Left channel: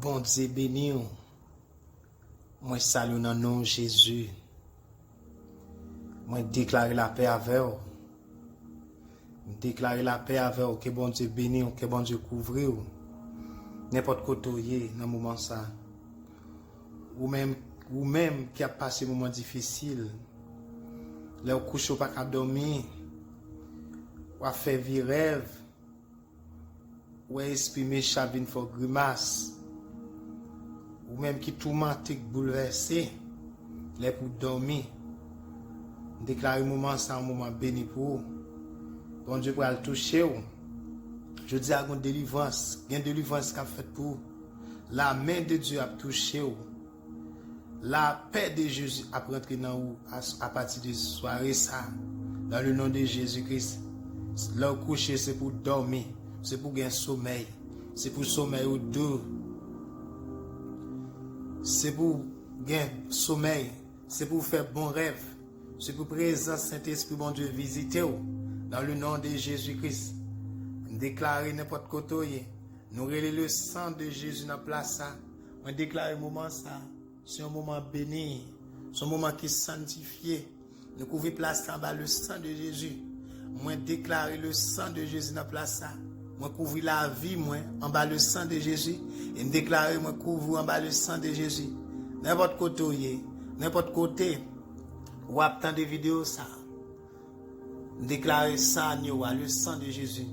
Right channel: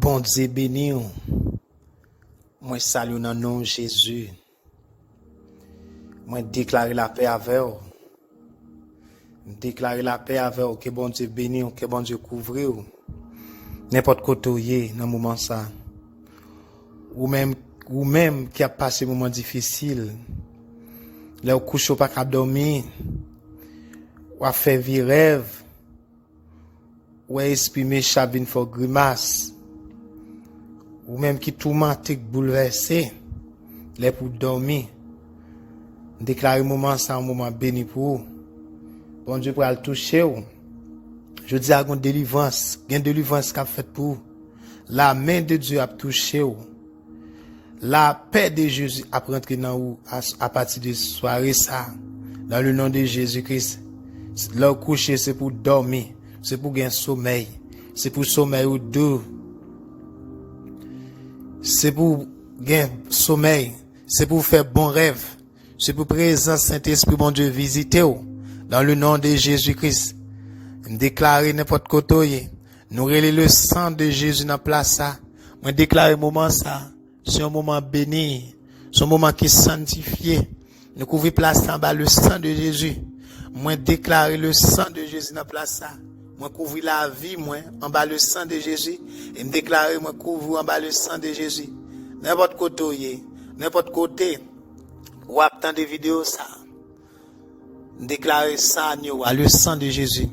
Bon Dieu béni, moi salue dans le nom de Jésus. Moi déclare la paix avec vous. Déclarer la paix avec vous, que bon Dieu béni, que bon Dieu couvre vous. N'importe côté dans le moment ça. Ou même qui a passé un moment difficile. Là où couche pas capable dormir. Ou a fait vie rêve. Ou a exprimé chabine for grimace. Ou même qui tourmenté, bouleversé. Là pour dormir. Déclarer moment ça un moment béni pour vous. Bon Dieu pour le toucher vous. Je dis à une délivrance, une délivrance qu'a fait pour vous. La main de Dieu a touché vous. La paix de Jésus a rentré dans vous à partir de ce soirée ça. Dans le nom de Jésus-Christ. Leur coucher c'est pour dormir, c'est pour gagner sommeil, c'est pour sommeil ou doux. C'est pour gagner sommeil, c'est pour faire bon rêve, c'est pour présence Saint-Esprit bon Dieu visiter vous. Dans le nom de Jésus-Christ. Déclarer n'importe côté, nous relais le sang de Jésus dans la place ça. Moi déclarer moment ça, c'est un moment béni, c'est un moment qui est sanctifié. Nous couvrons place en bas le sang de Jésus. Moi déclarer le sang de Jésus dans la place ça. Moi couvrir la vie moi en bas le sang de Jésus et me déclarer moi couvrir en bas le sang de Jésus. N'importe côté, ou attendre des vidéos ça. Déclarer ça le sang de Jésus.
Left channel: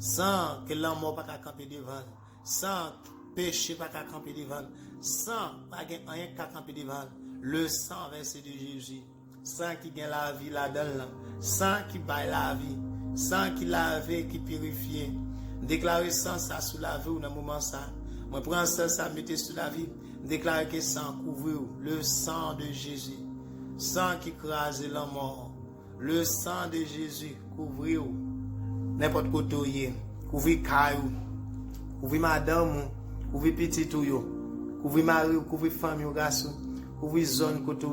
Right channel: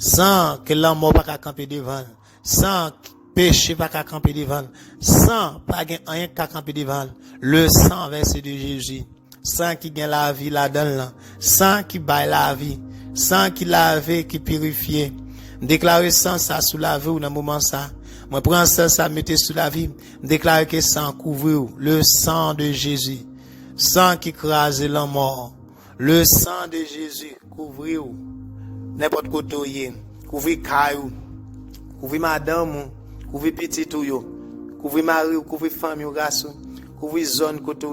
Sans que l'homme mort pas camper devant, sans péché pas camper devant, sans pas rien qu'à camper devant, le sang versé de Jésus, sans qui gagne la vie là-dedans, sans qui baille la vie, sans qui lave, qui purifie. Déclarer sans ça sous la vie ou dans moment ça. Moi prends ça mettez sous la vie, déclarer que sang couvre le sang de Jésus, sang qui crase l'homme mort. Le sang de Jésus couvre n'importe côté, couvre caillou, couvre madame, couvre petit ou couvre mari, couvre famille ou garçon, couvre zone côté.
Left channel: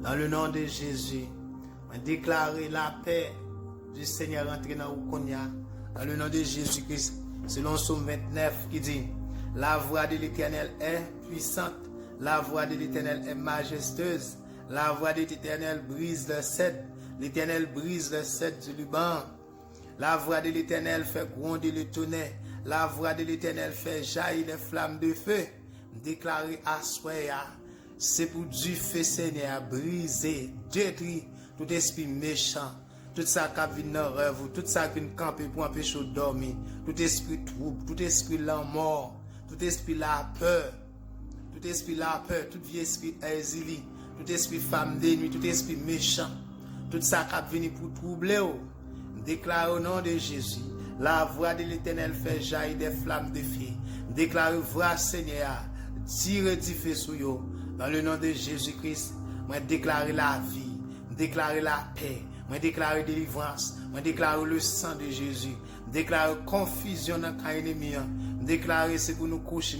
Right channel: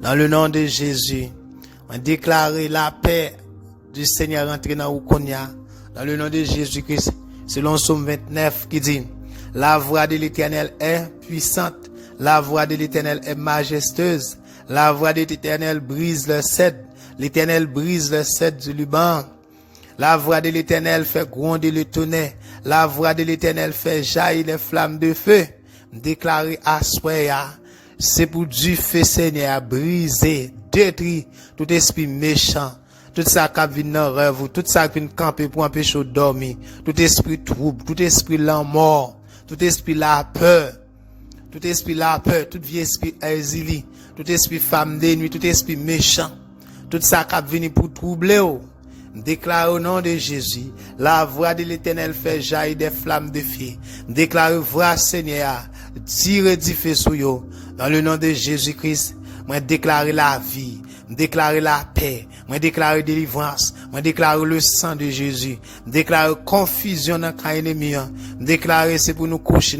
Dans le nom de Jésus, on déclare la paix du Seigneur entrer dans ou konya. Dans le nom de Jésus-Christ, selon Somme 29 qui dit, la voix de l'Éternel est puissante, la voix de l'Éternel est majestueuse, la voix de l'Éternel brise le cèdre, l'Éternel brise le cèdre du Liban. La voix de l'Éternel fait gronder le tonnerre. La voix de l'Éternel fait jaillir les flammes de feu. Déclaré à Soya, c'est pour du feu Seigneur briser, détruire tout esprit méchant, tout ça qui vient dans le rêve, tout ça qui vient camper pour empêcher de dormir, tout esprit trouble, tout esprit la mort, tout esprit la peur, tout vieux esprit exilé, tout esprit femme de nuit, tout esprit méchant, tout ça qui vient pour troubler. Déclare au nom de Jésus, la voix de l'Éternel fait jaillir des flammes de feu. Déclare voix Seigneur, tire du feu sur eux. Dans le nom de Jésus-Christ, moi déclare la vie, déclare la paix, moi déclare délivrance, moi déclare le sang de Jésus, déclare confusion dans le ennemi, déclare c'est pour nous coucher,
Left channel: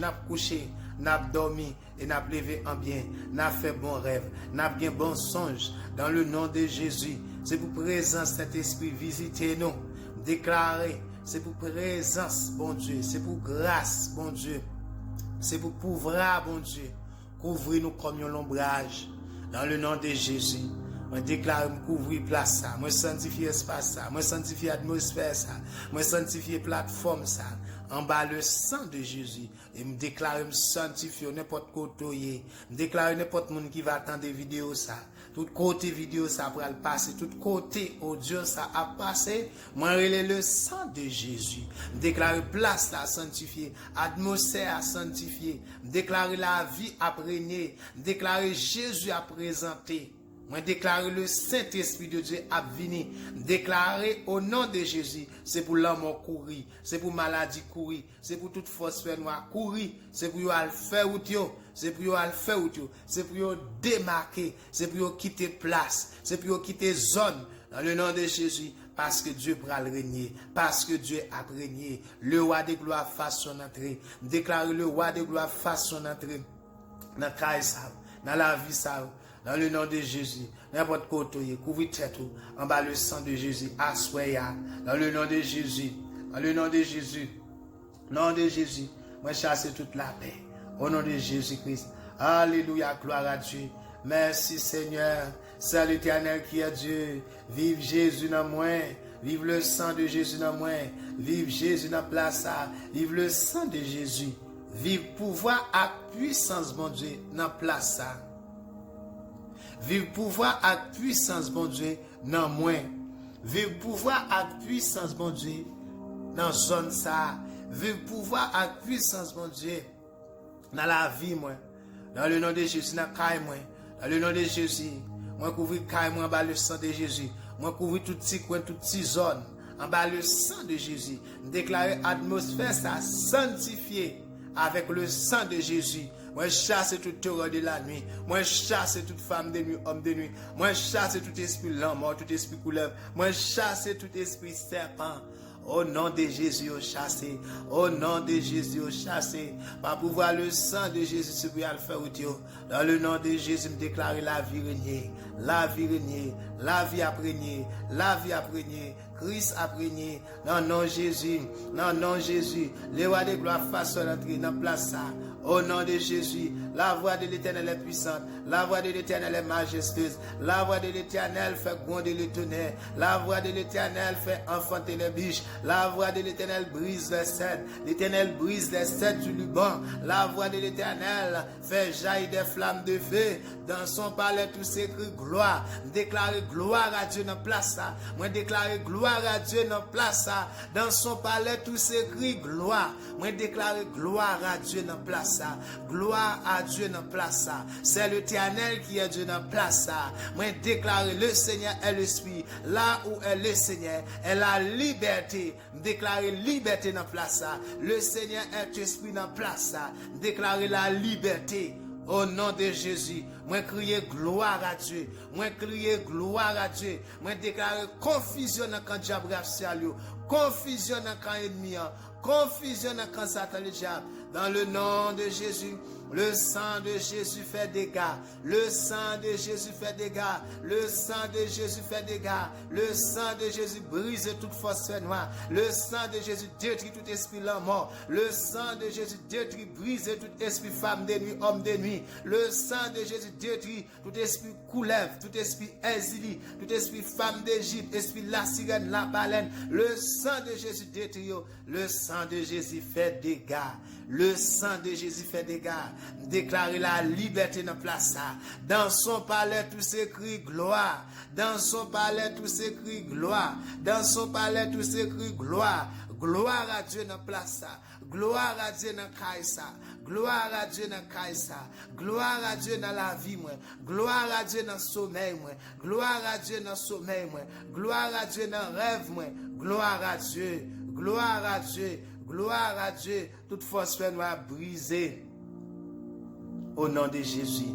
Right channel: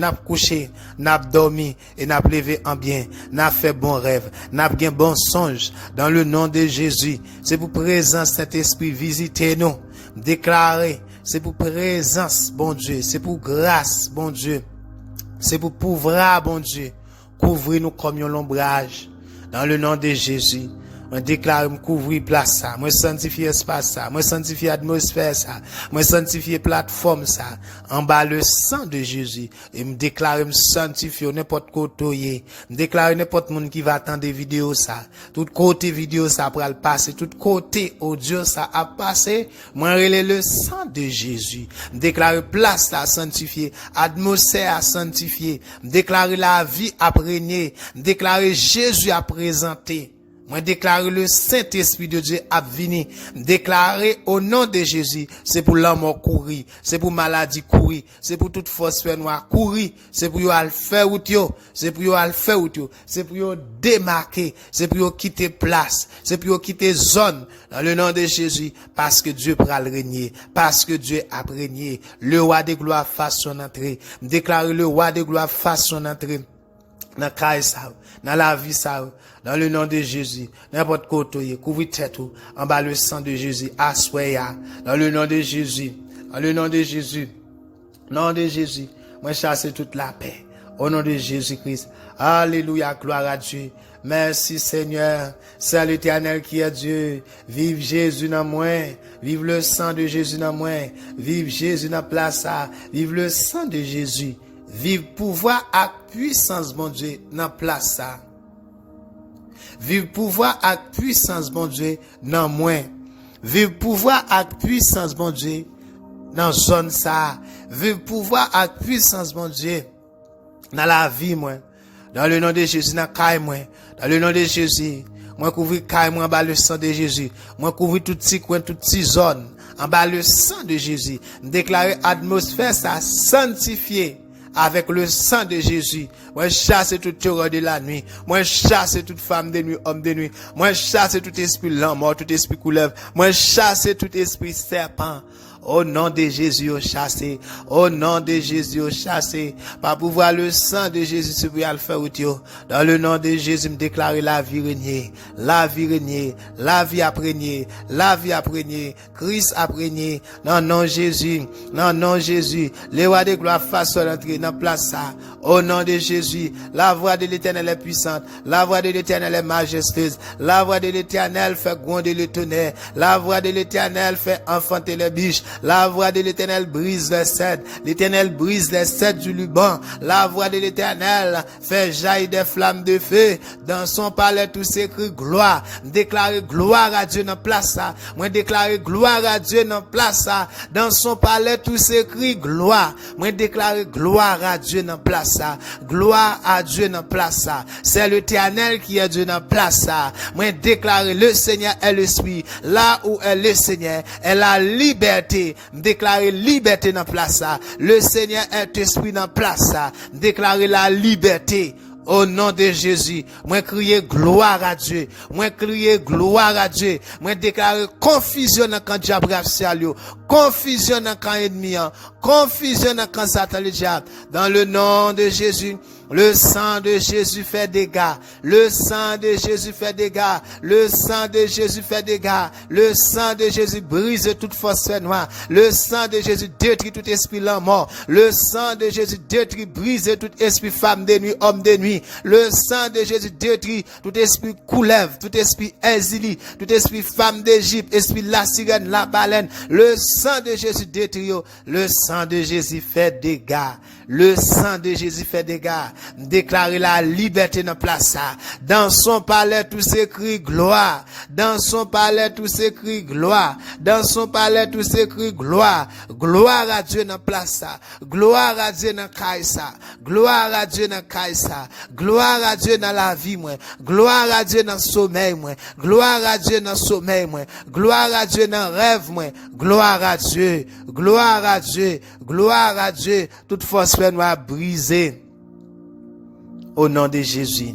n'a dormi et n'a levé en bien, n'a fait bon rêve, n'a bien bon songe. Dans le nom de Jésus, c'est pour présence Saint-Esprit visiter nous, déclarer, c'est pour présence, bon Dieu, c'est pour grâce, bon Dieu, c'est pour pouvoir, bon Dieu, couvrir nous comme un ombrage. Dans le nom de Jésus, moi déclare me couvrir place ça, moi sanctifier espace ça, moi sanctifier atmosphère ça, moi sanctifier plateforme ça, en bas le sang de Jésus et me déclare me sanctifier n'importe côté, me déclare n'importe monde qui va attendre des vidéos ça, tout côté vidéo ça pour le passer, tout côté audio ça a passé, moi relais le sang de Jésus, me déclare place là sanctifier, atmosphère à sanctifier, me déclare la vie à régner, me déclare Jésus à présenter. Moi déclarer le Saint-Esprit de Dieu à venir. Déclarer au nom de Jésus. C'est pour l'homme courir. C'est pour maladie courir. C'est pour toute force noire courir. C'est pour aller faire out yo. C'est pour aller faire out yo. C'est pour démarquer. C'est pour quitter place. C'est pour quitter zone. Dans le nom de Jésus. Parce que Dieu pourra le régner. Parce que Dieu a régné. Le roi de gloire fasse son entrée. Déclarer le roi de gloire fasse son entrée. Dans la vie ça. Dans le nom de Jésus, n'importe côté, couvre tête en bas le sang de Jésus, assoya. Dans le nom de Jésus, dans le nom de Jésus, nom de Jésus, Moi chasser toute la paix. Au nom de Jésus-Christ. Alléluia, gloire à Dieu. Merci Seigneur. C'est l'Éternel qui est Dieu. Vive Jésus dans moi. Vive le sang de Jésus dans moi. Vive Jésus dans place. Vive le sang de Jésus. Vive pouvoir à puissance, mon Dieu, dans place. Vive pouvoir à puissance, mon Dieu, dans moi. Vive pouvoir à puissance, mon Dieu, dans zone ça. Vive pouvoir à puissance, mon Dieu, dans la vie, moi. Dans le nom de Jésus, dans caille, moi. Dans le nom de Jésus, moi couvrir caille, moi, en bas le sang de Jésus. Moi couvrir tout petit coin, toute petite zone, en bas le sang de Jésus. Déclarer atmosphère, ça sanctifié avec le sang de Jésus. Moi chasse toute terreur de la nuit. Moi chasse toute femme de nuit, homme de nuit. Moi chasse tout esprit l'homme, tout esprit couleuvre. Moi chasse tout esprit serpent. Au nom de Jésus, au chassé. Au nom de Jésus, au chassé. Par pouvoir le sang de Jésus, c'est pour le faire. Dans le nom de Jésus, me déclarer la vie régner. La vie régner. La vie apprégner. La vie apprégner. Christ apprégner. Dans le nom de Jésus. Dans le nom de Jésus. Les rois de gloire façon d'entrer dans la place ça. Au nom de Jésus, la voix de l'Éternel est puissante, la voix de l'Éternel est majestueuse, la voix de l'Éternel fait gronder le tonnerre, la voix de l'Éternel fait enfanter les biches, la voix de l'Éternel brise les cèdres, l'Éternel brise les cèdres du Liban, la voix de l'Éternel fait jaillir des flammes de feu, dans son palais tout s'écrit gloire, déclarer gloire à Dieu dans place ça, moi déclarer gloire à Dieu dans place ça, dans son palais tout s'écrit gloire, moi déclarer gloire à Dieu dans place ça. Gloire à Dieu dans place ça. C'est l'Éternel qui est Dieu dans place ça. Moi déclarer le Seigneur est l'Esprit. Là où est le Seigneur est la liberté. Déclarer liberté dans place ça. Le Seigneur est Esprit dans place ça. Déclarer la liberté. Au nom de Jésus, moi crier gloire à Dieu. Moi crier gloire à Dieu. Moi déclarer confusion dans camp diable racial yo. Confusion dans camp ennemi. Confusion dans camp Satan le diable. Dans le nom de Jésus, le sang de Jésus fait dégâts. Le sang de Jésus fait dégâts. Le sang de Jésus fait dégâts. Le sang de Jésus brise toute force noire. Le sang de Jésus détruit tout esprit l'homme mort. Le sang de Jésus détruit, brise tout esprit femme de nuit, homme de nuit. Le sang de Jésus détruit tout esprit couleuvre, tout esprit exilé, tout esprit femme d'Égypte, esprit la sirène, la baleine. Le sang de Jésus détruit. Le sang de Jésus fait dégâts. Le sang de Jésus fait dégâts. Déclarer la liberté dans place. Dans son palais tout s'écrit gloire. Dans son palais tout s'écrit gloire. Dans son palais tout s'écrit gloire. Gloire à Dieu dans place. Gloire à Dieu dans Kaïsa. Gloire à Dieu dans Kaïsa. Gloire à Dieu dans la vie moi. Gloire à Dieu dans le sommeil moi. Gloire à Dieu dans le sommeil moi. Gloire à Dieu dans le rêve moi. Gloire à Dieu. Gloire à Dieu. Gloire à Dieu. Toute force fait nous briser. Au nom de Jésus.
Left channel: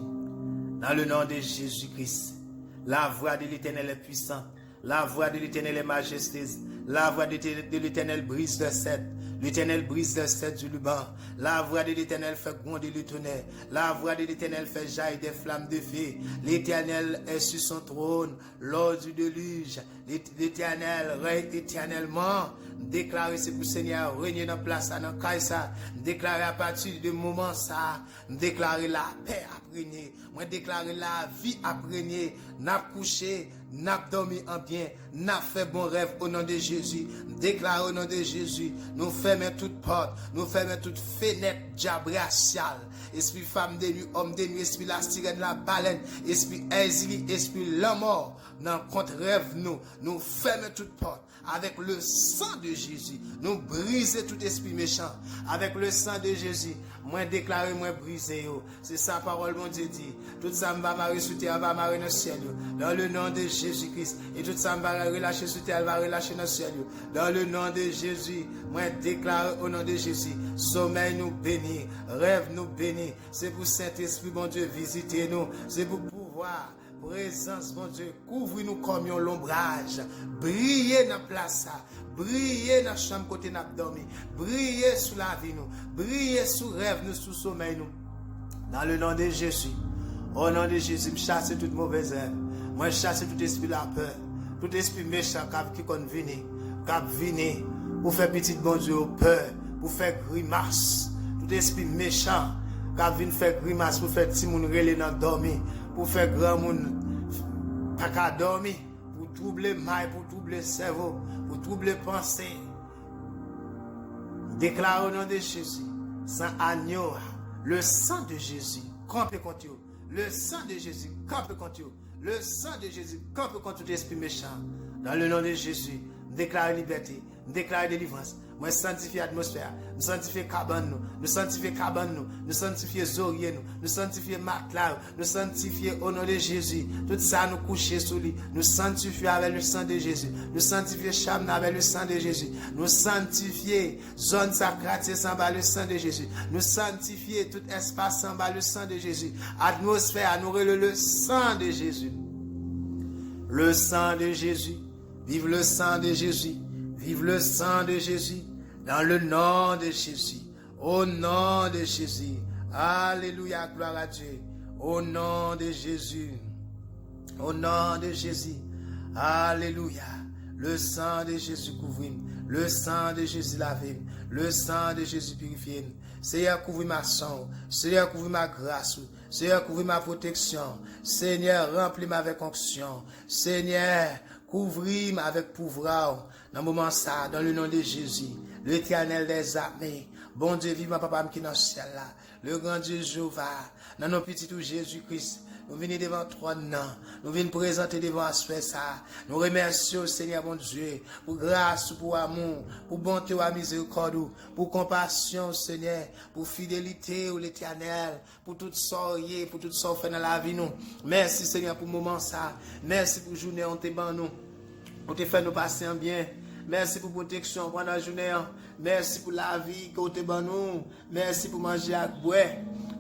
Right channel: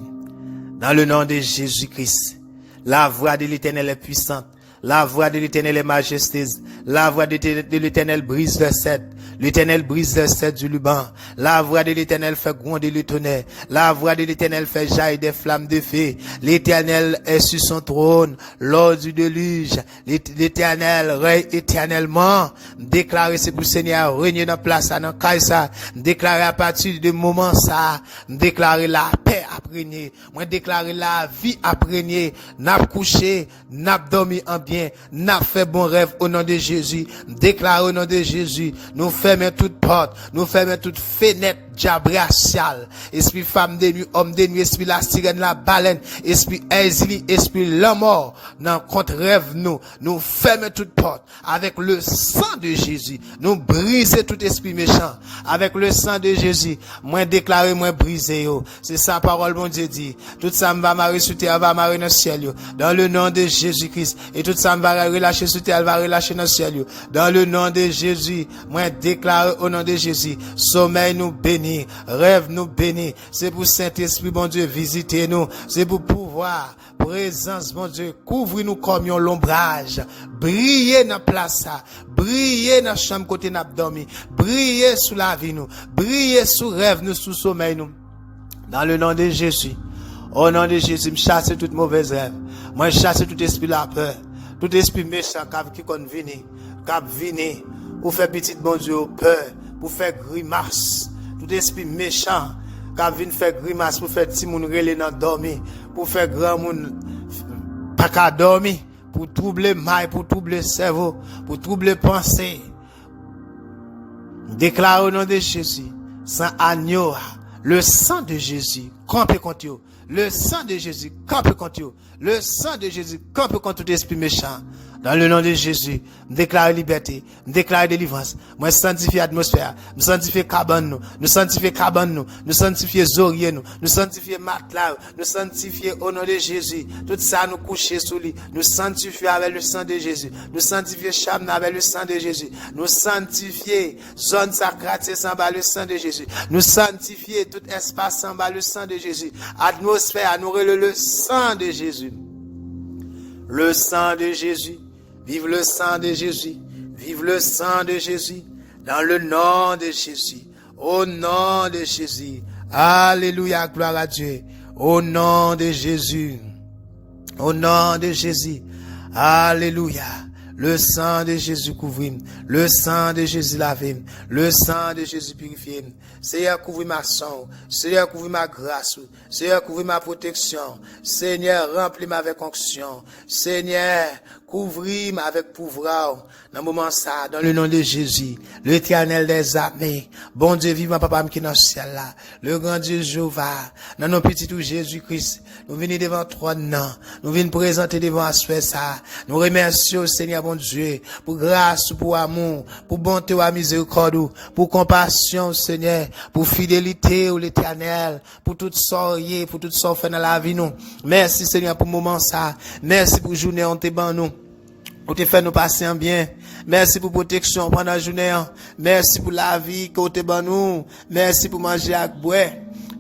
Dans le nom de Jésus-Christ. La voix de l'Éternel est puissante. La voix de l'Éternel est majestueuse. La voix de l'Éternel brise les cèdres. L'Éternel brise les cèdres du Liban. La voix de l'Éternel fait gronder le tonnerre. La voix de l'Éternel fait jaillir des flammes de feu. L'Éternel est sur son trône lors du déluge. L'Éternel règne éternellement. Déclarer c'est pour le Seigneur régner dans place, dans Kaïsa. Déclarer à partir de moment ça. Déclarer la paix à régner. Moi déclarer la vie à régner. N'a couché, n'a dormi en bien, n'a fait bon rêve au nom de Jésus. Déclarer au nom de Jésus. Nous fermons toute porte, nous fermons toute fenêtre diable racial. Esprit femme de nuit, homme de nuit, esprit la sirène, la baleine, esprit exilé, esprit la mort. Dans contre rêve nous fermons toute porte avec le sang de Jésus. Nous brisons tout esprit méchant avec le sang de Jésus. Moi déclarer, moi briser yo. C'est sa parole mon Dieu dit. Tout ça va marrer sous terre, va marrer dans le ciel yo. Dans le nom de Jésus-Christ. Et tout ça va relâcher sous terre, va relâcher dans le ciel yo. Dans le nom de Jésus, moi déclarer au nom de Jésus. Sommeil nous bénit, rêve nous bénit. C'est pour Saint-Esprit bon Dieu visiter nous. C'est pour pouvoir présence, mon Dieu, couvre-nous comme un l'ombrage. Briller dans la place, briller dans la chambre côté n'a dormi, briller sous la vie nous, briller sous rêve nous, sous sommeil nous. Dans le nom de Jésus, au nom de Jésus, je chasse toute mauvaise rêve. Moi, je chasse tout esprit la peur, tout esprit méchant qui peut venir, pour faire petit bon Dieu peur, pour faire grimace. tout esprit méchant qui vient faire grimace pour faire petit moun relé dans dormir, pour faire grand moun pas qu'à dormir, pour troubler maille, pour troubler cerveau, pour troubler pensée. Déclare au nom de Jésus, sans agneau, le sang de Jésus, campe contre eux. Le sang de Jésus, campe contre eux. Le sang de Jésus, campe contre tout esprit méchant. Dans le nom de Jésus, je déclare liberté, je déclare délivrance. Moi, je sanctifie l'atmosphère, je sanctifie cabane, nous sanctifie cabane, nous sanctifie zorier, nous sanctifie matelas, nous sanctifie au nom de Jésus. Tout ça, nous coucher sous lui, nous sanctifie avec le sang de Jésus, nous sanctifie chambre avec le sang de Jésus, nous sanctifie zone sacrée sans bas le sang de Jésus, nous sanctifie tout espace sans bas le sang de Jésus. Atmosphère, nous relève le sang de Jésus. Le sang de Jésus. Vive le sang de Jésus. Vive le sang de Jésus. Dans le nom de Jésus. Au nom de Jésus. Alléluia, gloire à Dieu. Au nom de Jésus. Au nom de Jésus. Alléluia. Le sang de Jésus couvre. Le sang de Jésus lave. Le sang de Jésus purifie. Seigneur, couvre ma sang. Seigneur, couvre ma grâce. Seigneur, couvre ma protection. Seigneur, remplis-moi avec onction. Seigneur, couvre-moi avec pouvoir. Dans le moment ça, dans le nom de Jésus, l'Éternel des armées, bon Dieu vivant, papa qui est dans le ciel là, le grand Dieu Jéhovah, dans nos petits tout Jésus-Christ, nous venons devant toi, non. Nous venons présenter devant ça. Nous remercions, Seigneur, bon Dieu, pour grâce, pour amour, pour bonté, pour miséricorde, pour compassion, Seigneur, pour fidélité, l'Éternel, pour toute soirée, pour toute sorte dans la vie, nous. Merci, Seigneur, pour le moment ça. Merci pour la journée, on te ban nous. Pour te faire nous passer en bien. Merci pour protection pendant la journée. Merci pour la vie que te ban nous. Merci pour manger avec boire.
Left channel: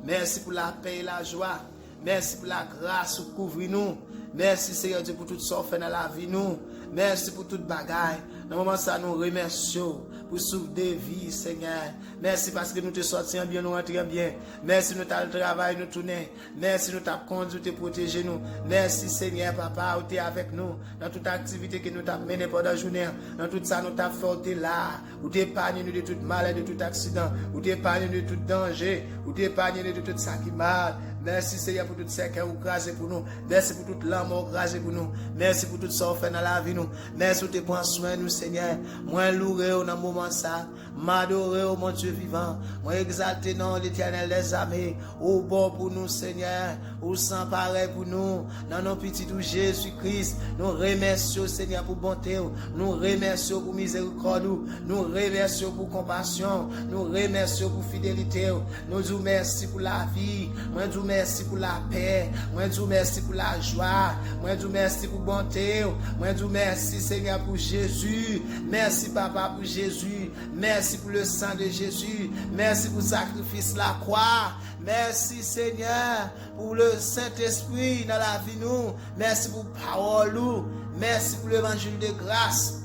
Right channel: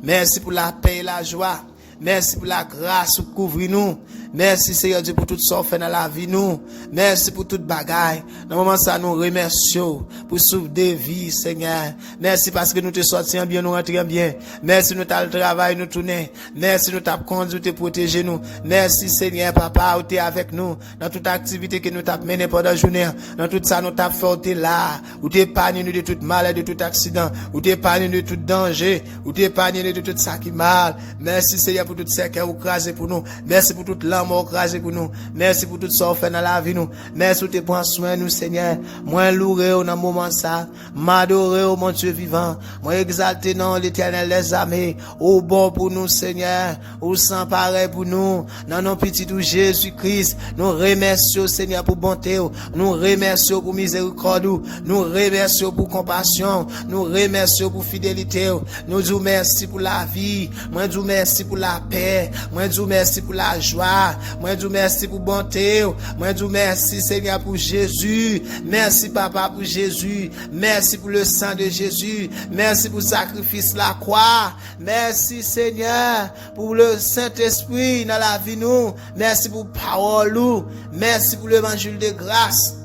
Merci pour la paix et la joie. Merci pour la grâce pour couvrir nous. Merci Seigneur Dieu pour tout ça fait dans la vie nous. Merci pour toute bagaille. Dans le moment ça nous remercions pour sauver des vies Seigneur. Merci parce que nous te sortions bien, nous rentrons bien. Merci nous t'as le travail nous tourner. Merci nous t'as conduit te protéger nous. Merci Seigneur papa où tu es avec nous dans toute activité que nous t'as mené pendant la journée. Dans tout ça nous t'as fait tu es là. Où tu épargnes nous de toute maladie, de tout accident. Où tu épargnes nous de tout danger. Où tu épargnes nous de tout ça qui mal. Merci Seigneur pour tout ce qui est écrasé pour nous. Merci pour toute l'âme écrasé pour nous. Merci pour tout ça fait dans la vie nous. Merci pour te prendre soin nous Seigneur. Moi louer dans le moment ça. M'adorer au mon Dieu vivant. Moi exalter dans l'Éternel des armées. Au bon pour nous Seigneur. Au sans pareil pour nous. Dans nos petits tout Jésus-Christ. Nous remercions Seigneur pour bonté. Nous remercions pour miséricorde. Nous remercions pour compassion. Nous remercions pour fidélité. Nous disons merci pour la vie. Moi disons merci pour la paix. Moi disons merci pour la joie. Moi disons merci pour bonté. Moi disons merci Seigneur pour Jésus. Merci papa pour Jésus. Merci pour le sang de Jésus. Merci pour le sacrifice la croix. Merci Seigneur pour le Saint-Esprit dans la vie nous. Merci pour la parole nous. Merci pour l'évangile de grâce.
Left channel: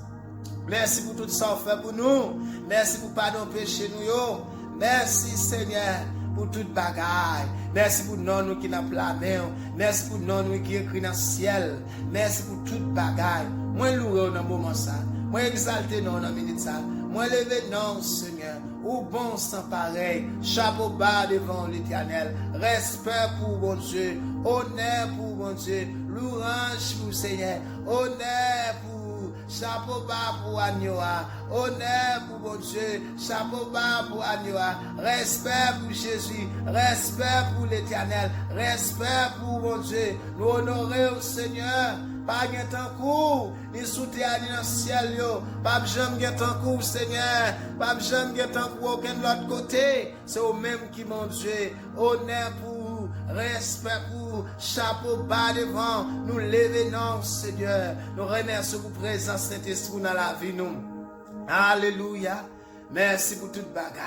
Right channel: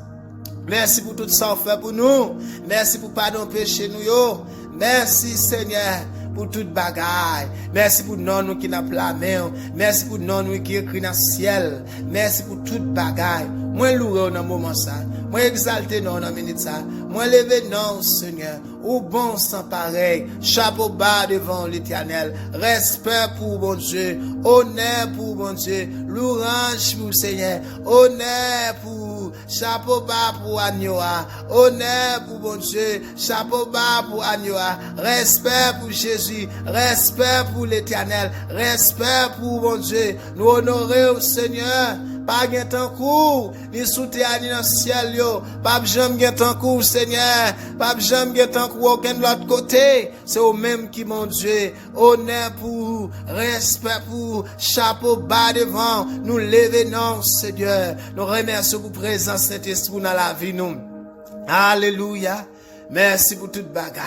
Merci pour tout ça fait pour nous. Merci pour pardon péché nous yo. Merci Seigneur pour toute bagaille. Merci pour nous qui n'a pas la main. Merci pour nous qui écrit dans le ciel. Merci pour toute bagaille. Moi louer dans le moment ça. Moi exalter dans la minute ça. Moi lever non Seigneur. Au bon sans pareil. Chapeau bas devant l'Éternel. Respect pour bon Dieu. Honneur pour bon Dieu. Louange pour Seigneur. Honneur pour chapeau bas pour Agnoa, honneur pour bon Dieu, chapeau bas pour Agnoa, respect pour Jésus, respect pour l'Éternel, respect pour bon Dieu, nous honorer au Seigneur, pas gain tant court, ni sous terre ni dans le ciel yo, pas jamais gain tant court Seigneur, pas jamais gain tant court aucun de l'autre côté, c'est au même qui mon Dieu, honneur pour, respect pour, chapeau bas devant, nous lever non Seigneur, nous remercions pour présence Saint-Esprit dans la vie nous. Alléluia. Merci pour toute bagaille.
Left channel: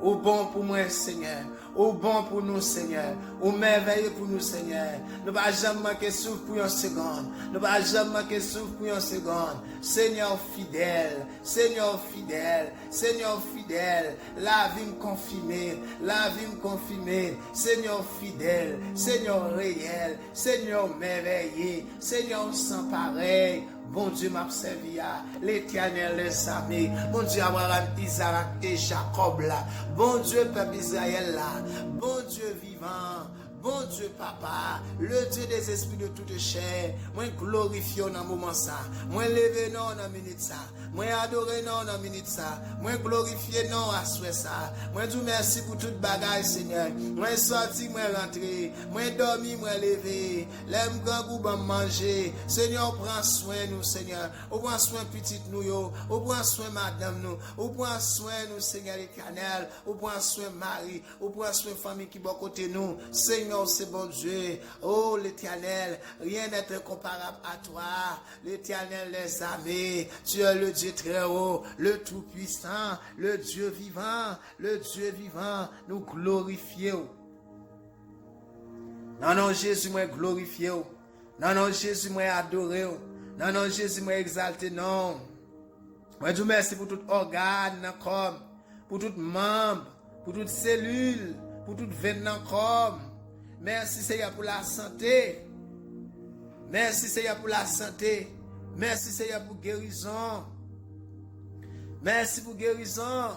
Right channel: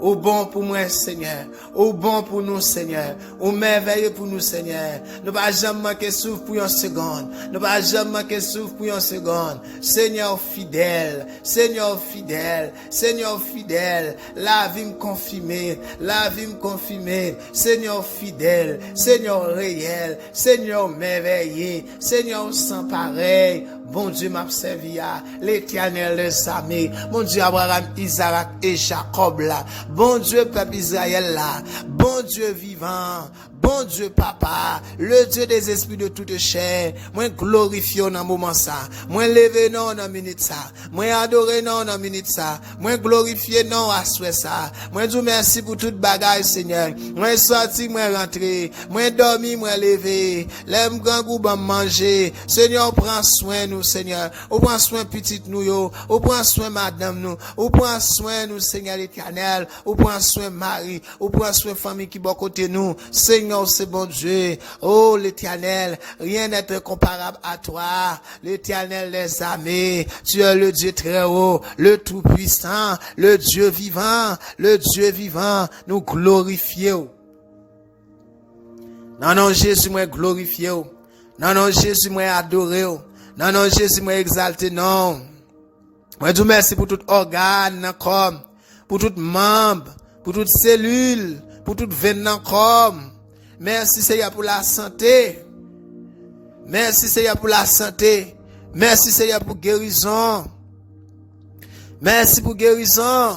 Au bon pour moi, Seigneur. Au bon pour nous, Seigneur. Au merveilleux pour nous, Seigneur. Nous ne pas jamais manquer souffle pour une seconde. Nous ne pas jamais manquer souffle pour une seconde. Seigneur fidèle. Seigneur fidèle. Seigneur fidèle. La vie me confirmer. La vie me confirmer. Seigneur fidèle. Seigneur réel. Seigneur merveilleux. Seigneur sans pareil. Bon Dieu m'a servi à l'Éternel les armées. Bon Dieu Abraham, Isaac et Jacob là. Bon Dieu peuple Israël là. Bon Dieu vivant. Bon Dieu, papa, le Dieu des esprits de toute chair, moi glorifie dans moment ça, moi lever non dans minute ça, moi adorer non dans minute ça, moi glorifier non à souhait ça, moi dis merci pour toute bagaille Seigneur, moi sorti, moi rentrer, moi dormi, moi lever, l'aime grand goût bon manger, Seigneur prend soin nous Seigneur, on prend soin petite nous yo, on prend soin madame nous, on prend soin nous Seigneur l'Éternel, on prend soin Marie, on prend soin famille qui bon côté nous, Seigneur c'est bon Dieu. Oh, l'Éternel, rien n'est comparable à toi. L'Éternel les armées. Tu es le Dieu très haut, le Tout-Puissant, le Dieu vivant, le Dieu vivant. Nous glorifions. Non, non, Jésus, moi glorifié. Non, non, Jésus, moi adoré. Non, non, Jésus, moi exalté. Non. Moi, je vous remercie pour tout organe, comme, pour tout membre, pour toute cellule, pour toute veine, comme. Merci Seigneur pour la santé. Merci Seigneur pour la santé. Merci Seigneur pour guérison. Merci pour guérison.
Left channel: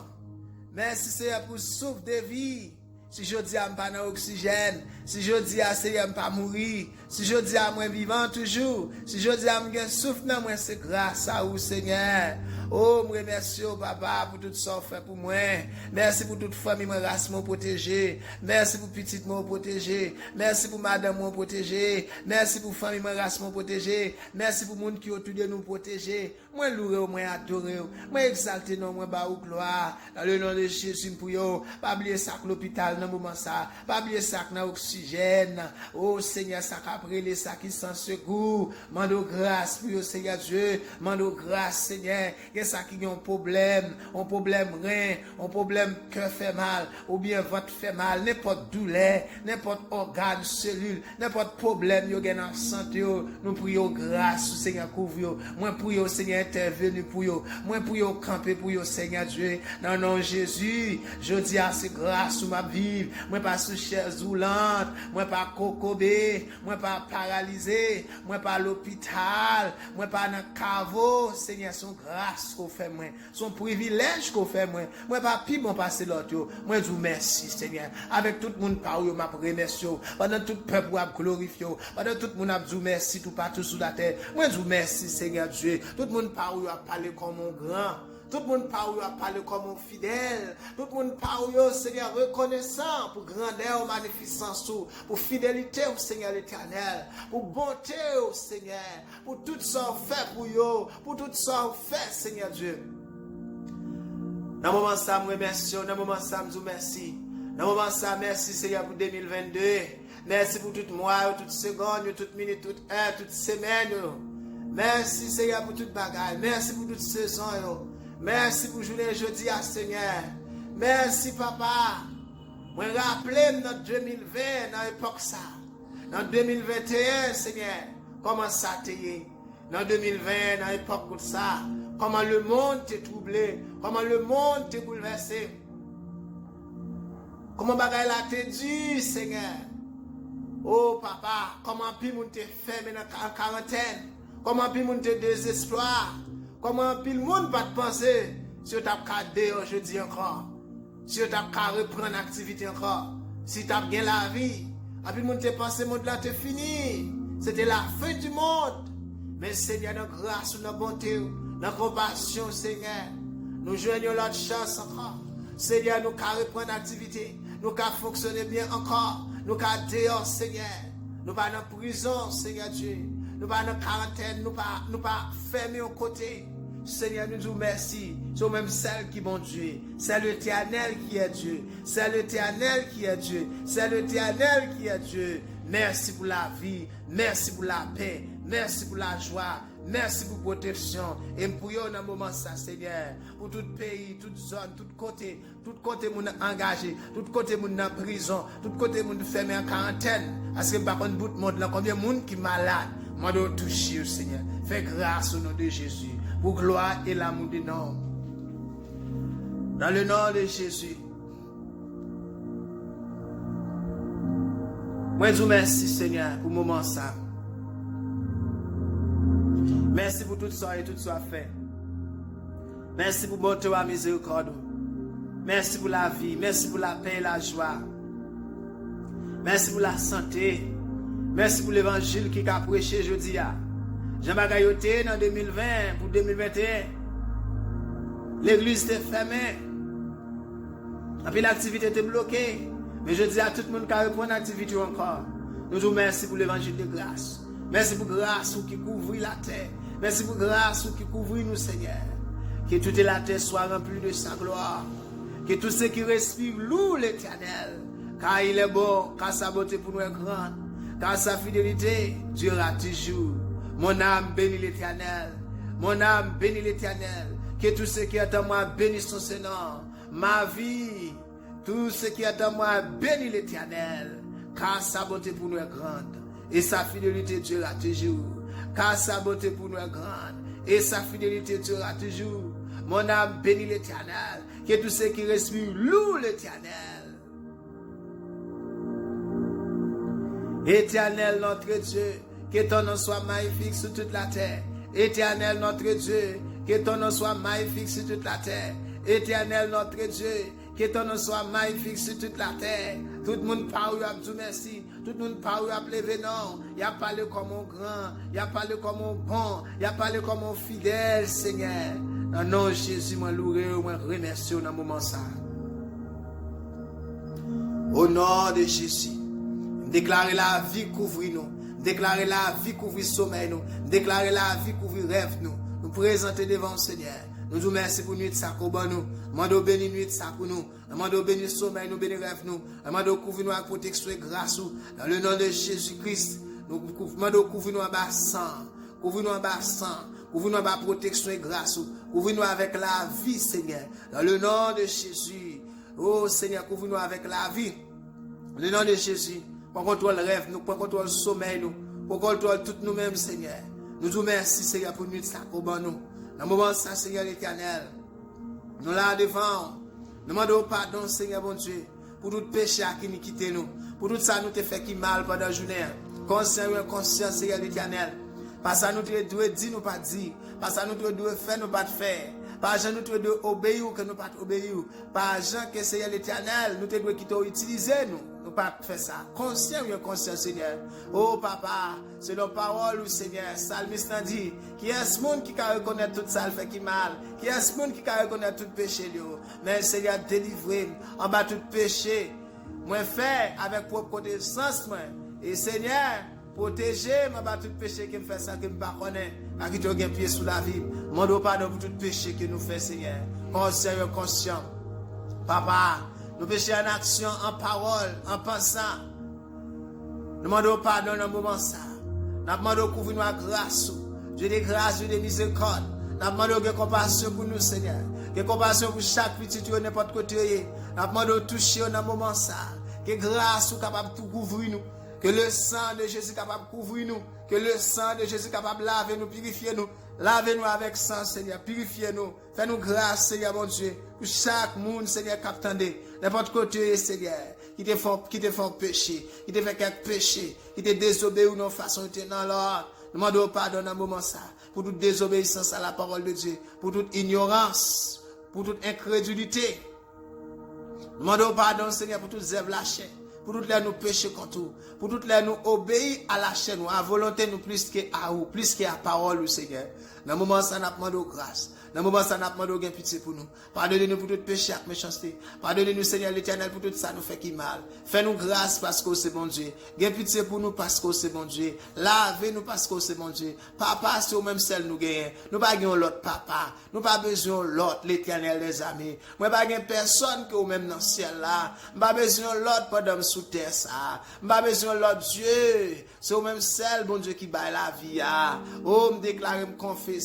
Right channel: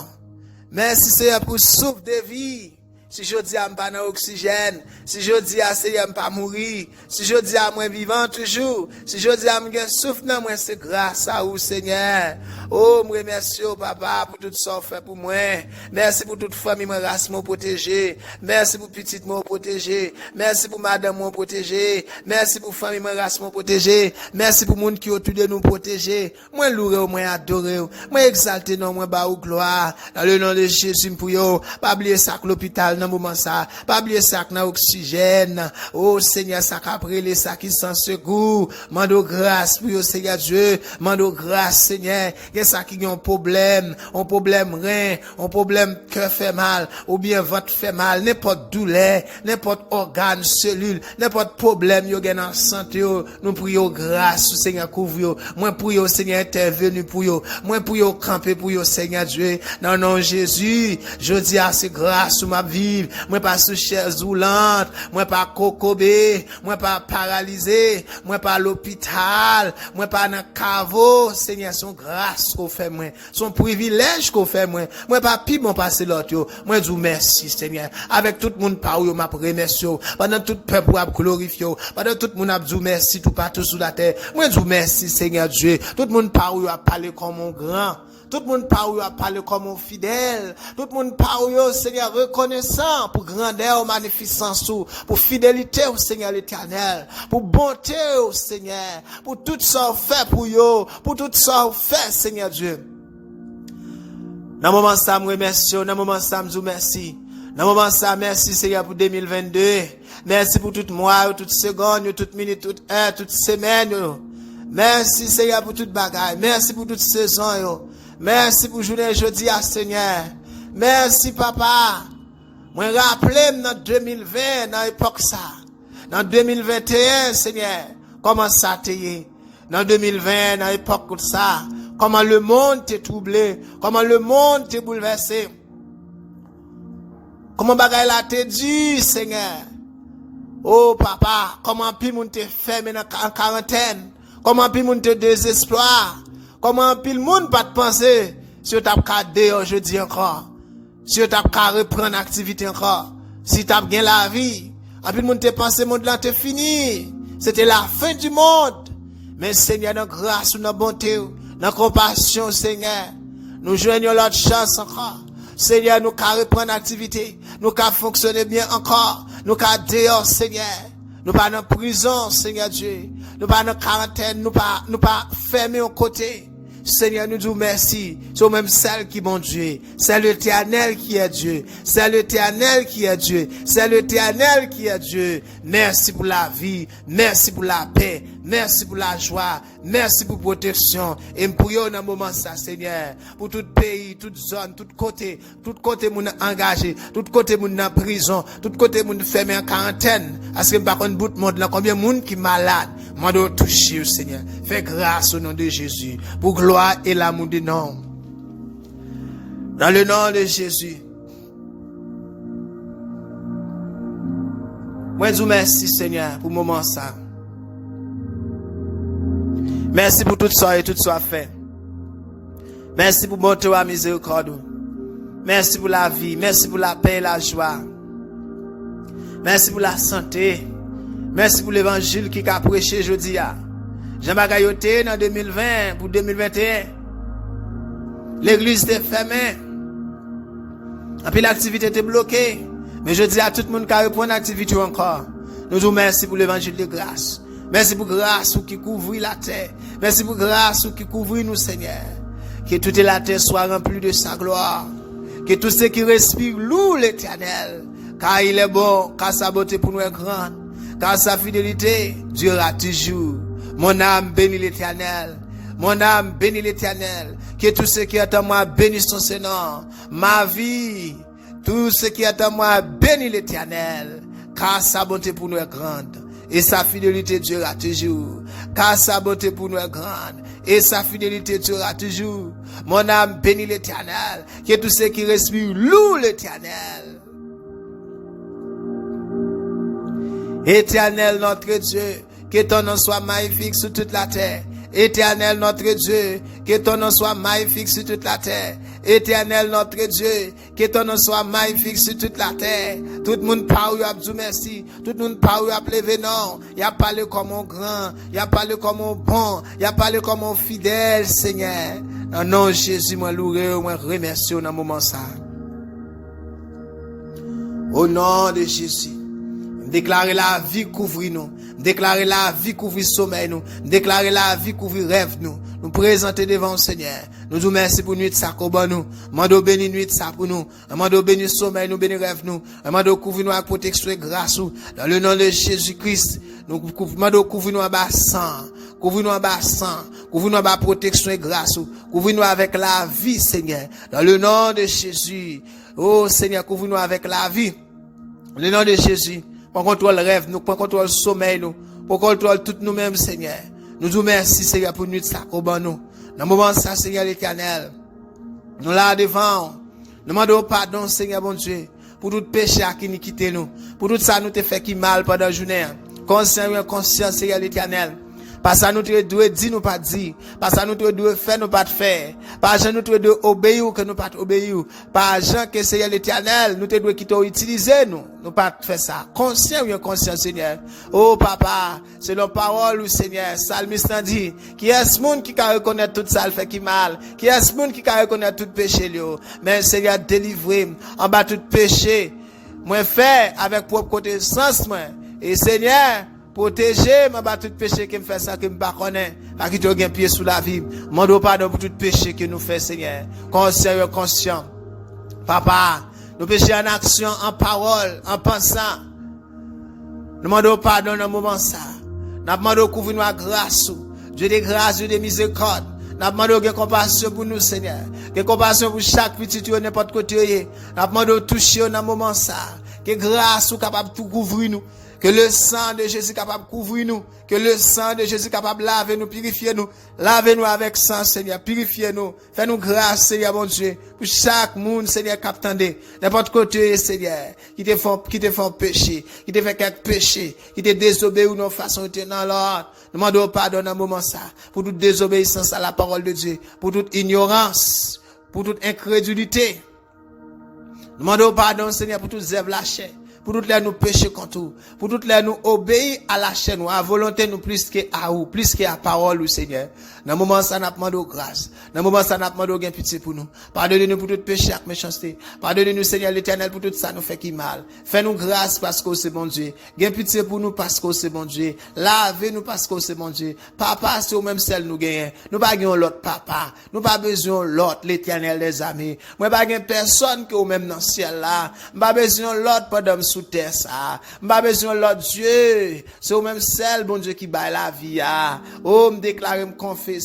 Merci Seigneur pour souffle de vie. Si je dis à pas dans oxygène, si je dis à Seigneur pas mourir, si je dis à moi vivant toujours, si je dis à moi souffle dans moi, c'est grâce à vous Seigneur. Oh, me remercie papa pour tout ça fait pour moi. Merci pour toute famille mon race mon protégé. Merci pour petite mon protégé. Merci pour madame mon protégé. Merci pour famille mon race mon protégé. Merci pour monde qui autour de nous protéger. Moi louer, moi adorer, moi exalter non moi ba ou gloire dans le nom de Jésus pour yo. Pas oublier ça que l'hôpital dans moment ça. Pas oublier ça que dans oxygène. Oh Seigneur ça qu'après les ça qui sans secours. Mando grâce pour yo Seigneur Dieu. Mando grâce Seigneur. Il y a ça qui a un problème rein, un problème cœur fait mal, ou bien ventre fait mal, n'importe douleur, n'importe organe, cellule, n'importe problème yo gen en santé yo, nous prions grâce au Seigneur couvre yo. Moi prions Seigneur intervenu pour yo. Moi prions camper pour yo Seigneur Dieu. Non non Jésus, je dis à c'est grâce ou ma vie. Moi pas sous chaise roulante, moi pas cocobé, moi pas paralysé, moi pas l'hôpital, moi pas dans caveau, Seigneur son grâce qu'on fait moi, son privilège qu'on fait moi pas pi bon passer l'autre yo. Moi dis merci Seigneur. Avec tout le monde par yo m'a remercie pendant tout peuple a glorifier pendant tout le monde a dit merci tout partout sur la terre. Moi dis merci Seigneur Dieu. Tout le monde par yo a parlé comme mon grand. Tout le monde par où a parlé comme un fidèle. Tout le monde par où, Seigneur, reconnaissant pour grandeur, magnificence, pour fidélité au Seigneur l'Éternel, pour bonté au Seigneur, pour tout ça fait pour eux, pour tout ça fait, Seigneur Dieu. Dans le moment ça, je remercie. Dans le moment ça, je vous remercie. Dans le moment ça, merci Seigneur pour 2022. Merci pour tout mois, toute seconde, toute minute, toute heure, toute semaine. Merci Seigneur pour toute bagaille. Merci pour toute saison. Merci pour journée jeudi à Seigneur. Merci papa. Moi rappelez dans 2020 dans l'époque ça. Dans 2021 Seigneur, comment ça t'est. Dans 2020 dans l'époque comme ça, comment le monde t'est troublé, comment le monde t'est bouleversé. Comment bagaille la t'est dit Seigneur. Oh papa, comment puis moun t'est fermé en quarantaine. Comment puis moun t'est désespoir. Comment pile monde pas te penser si tu as cadé aujourd'hui encore, si tu as reprendre l'activité encore, si tu as bien la vie, en pile monde te penser monde là te fini, c'était la fin du monde. Mais Seigneur dans grâce ou dans bonté, dans compassion Seigneur, nous joignons l'autre chance encore. Seigneur nous qu'à reprendre l'activité, nous qu'à fonctionner bien encore, nous qu'à dehors Seigneur. Nous pas dans prison, Seigneur Dieu. Nous pas dans quarantaine, nous pas fermés au côté. Seigneur, nous disons merci. C'est même celle qui est bon Dieu. C'est l'Éternel qui est Dieu. C'est l'Éternel qui est Dieu. C'est l'Éternel qui est Dieu. Merci pour la vie. Merci pour la paix. Merci pour la joie. Merci pour la protection. Et pour vous dans le moment ça, Seigneur. Pour tout pays, toute zone, tout côté moun engagé, tout côté moun en prison, tout côté moun fermé en quarantaine. Parce que par contre, bout de monde là, combien de monde qui est malade. Moi, dois toucher, Seigneur. Fais grâce au nom de Jésus. Pour gloire et l'amour du nom. Dans le nom de Jésus. Moi, je vous remercie, Seigneur, pour le moment ça. Merci pour tout ça et tout ça fait. Merci pour bonté et miséricorde. Merci pour la vie. Merci pour la paix et la joie. Merci pour la santé. Merci pour l'évangile qui a prêché jeudi. Jean-Marc Ayoté dans 2020 pour 2021. L'église était fermée. Et puis l'activité était bloquée. Mais je dis à tout le monde qui a repris l'activité encore. Nous vous remercions pour l'évangile de grâce. Merci pour grâce qui couvre la terre. Merci pour grâce qui couvre nous, Seigneur. Que toute la terre soit remplie de sa gloire. Que tout ce qui respire loue l'Éternel. Car il est bon, car sa beauté pour nous est grande. Car sa fidélité durera toujours. Mon âme bénit l'Éternel. Mon âme bénit l'Éternel. Que tout ce qui est en moi bénisse son Seigneur. Ma vie, tout ce qui est en moi bénit l'Éternel. Car sa bonté pour nous est grande. Et sa fidélité durera toujours. Car sa bonté pour nous est grande. Et sa fidélité durera toujours. Mon âme bénit l'Éternel. Que tout ce qui respire loue l'Éternel. Éternel notre Dieu, que ton nom soit magnifique sur toute la terre. Éternel notre Dieu, que ton nom soit magnifique sur toute la terre. Éternel notre Dieu, que ton nom soit magnifique sur toute la terre. Tout le monde parle, a dit merci. Tout le monde parle, a levé non. Il a parlé comme un grand, il a parlé comme un bon, il a parlé comme un fidèle, Seigneur. Dans le nom de Jésus, moi loué, moi remercie dans le moment ça. Au nom de Jésus, déclarer la vie couvrir nous. Déclarer la vie couvrir sommeil nous. Déclarer la vie couvrir rêve nous. Nous présenter devant le Seigneur. Nous vous remercions pour nuit ça qu'on nous. Mando béni nuit ça pour nous. Mando béni sommeil nous, béni rêve nous. Mando couvrir nous avec protection et grâce nous. Dans le nom de Jésus-Christ, nous mando couvrir nous en bas sang. Couvrir nous en bas sang. Couvrir nous en bas protection et grâce nous. Couvrir nous avec la vie, Seigneur. Dans le nom de Jésus. Oh Seigneur, couvrir nous avec la vie. Dans le nom de Jésus. Pour contrôle rêve nous, pour contrôle sommeil nous, pour contrôle tout nous-mêmes, Seigneur. Nous vous remercions, Seigneur, pour nuit ça qu'on ban nous. Dans le moment ça, Seigneur l'Éternel, nous là devant, nous demandons pardon, Seigneur bon Dieu, pour tout péché qui nous quitte nous, pour tout ça nous te fait qui mal pendant la journée. Conscient et inconscient, Seigneur l'Éternel. Parce que nous devons dire, nous pas dire. Parce que nous devons faire, nous pas faire. Parce que nous devons obéir, que nous pas obéir. Parce que Seigneur l'Éternel, nous devons quitter utiliser nous. Nous pas faire ça. Conscient ou inconscient, Seigneur. Oh, papa, c'est la parole du Seigneur. Salmiste dit, qui est ce monde qui peut reconnaître tout ça, le fait qui mal. Qui est ce monde qui peut reconnaître tout péché, mais Seigneur, délivrez en bas tout péché. Moi, fait avec propre connaissance, moi. Et Seigneur, protéger, ma tout péché qui me fait ça, qui me pas connaît, pas qui te gagne pied sous la vie. Mando pardon pour tout péché que nous fait, Seigneur. Conscient, conscient. Papa, nous péchons en action, en parole, en pensant. Nous demandons pardon dans le moment ça. Nous demandons couvrir nous à grâce. Dieu de grâce, Dieu de miséricorde. Nous demandons que compassion pour nous, Seigneur. Que compassion pour chaque petit, n'importe côté. Nous demandons toucher dans le moment ça. Que grâce soit capable de tout couvrir nous. Que le sang de Jésus capable de couvrir nous. Que le sang de Jésus capable de laver nous, purifier nous. Lavez-nous avec sang, Seigneur. Purifiez-nous. Fais-nous grâce, Seigneur, mon Dieu. Pour chaque monde, Seigneur, qui attendait. N'importe côté, Seigneur. Qui te font péché. Qui te fait quelque péché. Qui te désobéit ou non façon de tenir dans l'ordre. Nous demandons pardon dans un moment ça. Pour toute désobéissance à la parole de Dieu. Pour toute ignorance. Pour toute incrédulité. Nous demandons pardon, Seigneur, pour toute zèbre lâchée. Pour toutes les nous pécher contre vous. Pour toutes les nous obéir à la chaîne, à volonté nous plus qu'à vous, plus qu'à parole, au Seigneur. Dans le moment ça, nous demandons grâce. Dans le moment ça, nous demandons gain pitié pour nous. Pardonnez-nous pour tout péché et méchanceté. Pardonnez-nous, Seigneur l'Éternel, pour tout ça nous fait qui mal. Fais-nous grâce parce que c'est bon Dieu. Gain pitié pour nous parce que c'est bon Dieu. Lavez-nous parce que c'est bon Dieu. Papa, c'est au même seul nous gagnons. Nous pas gagnons l'autre papa. Nous pas besoin l'autre, l'Éternel des amis. Moi pas gagnons personne que au même dans le ciel là. Nous pas besoin l'autre pendant sous terre ça. M'pas besoin l'autre Dieu. C'est au même seul bon Dieu qui baille la vie. Oh, me déclarer, me confesser.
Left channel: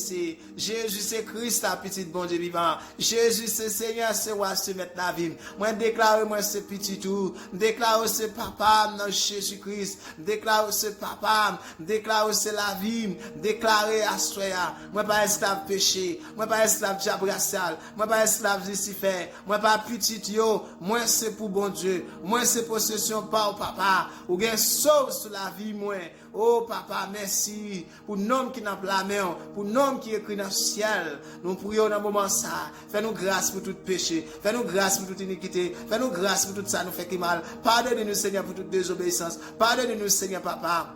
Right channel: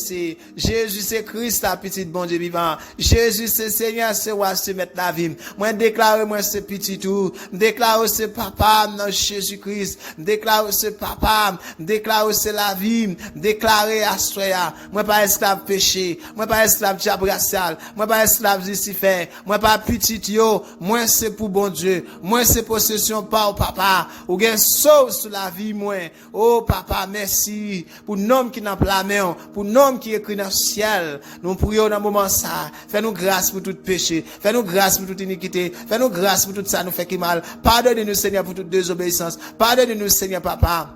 Jésus c'est Christ la petite bon Dieu vivant. Jésus c'est Seigneur, c'est roi, c'est maître la vie. Moi déclarer moi c'est petit tout. Me déclarer c'est papa dans Jésus Christ. Me déclarer c'est papa. Me déclarer c'est la vie. Me déclarer à soya. Moi pas esclave péché. Moi pas esclave diable racial. Moi pas esclave Lucifer. Moi pas petit yo. Moi c'est pour bon Dieu. Moi c'est possession intercession par papa, ou gen sauve sur la vie moi. Oh papa, merci pour nom qui n'a pas la main, pour nom qui écrit dans le ciel. Nous prions dans le moment ça. Fais-nous grâce pour tout péché, fais-nous grâce pour toute iniquité, fais-nous grâce pour tout ça nous fait qui mal. Pardonne-nous Seigneur pour toute désobéissance. Pardonne-nous Seigneur papa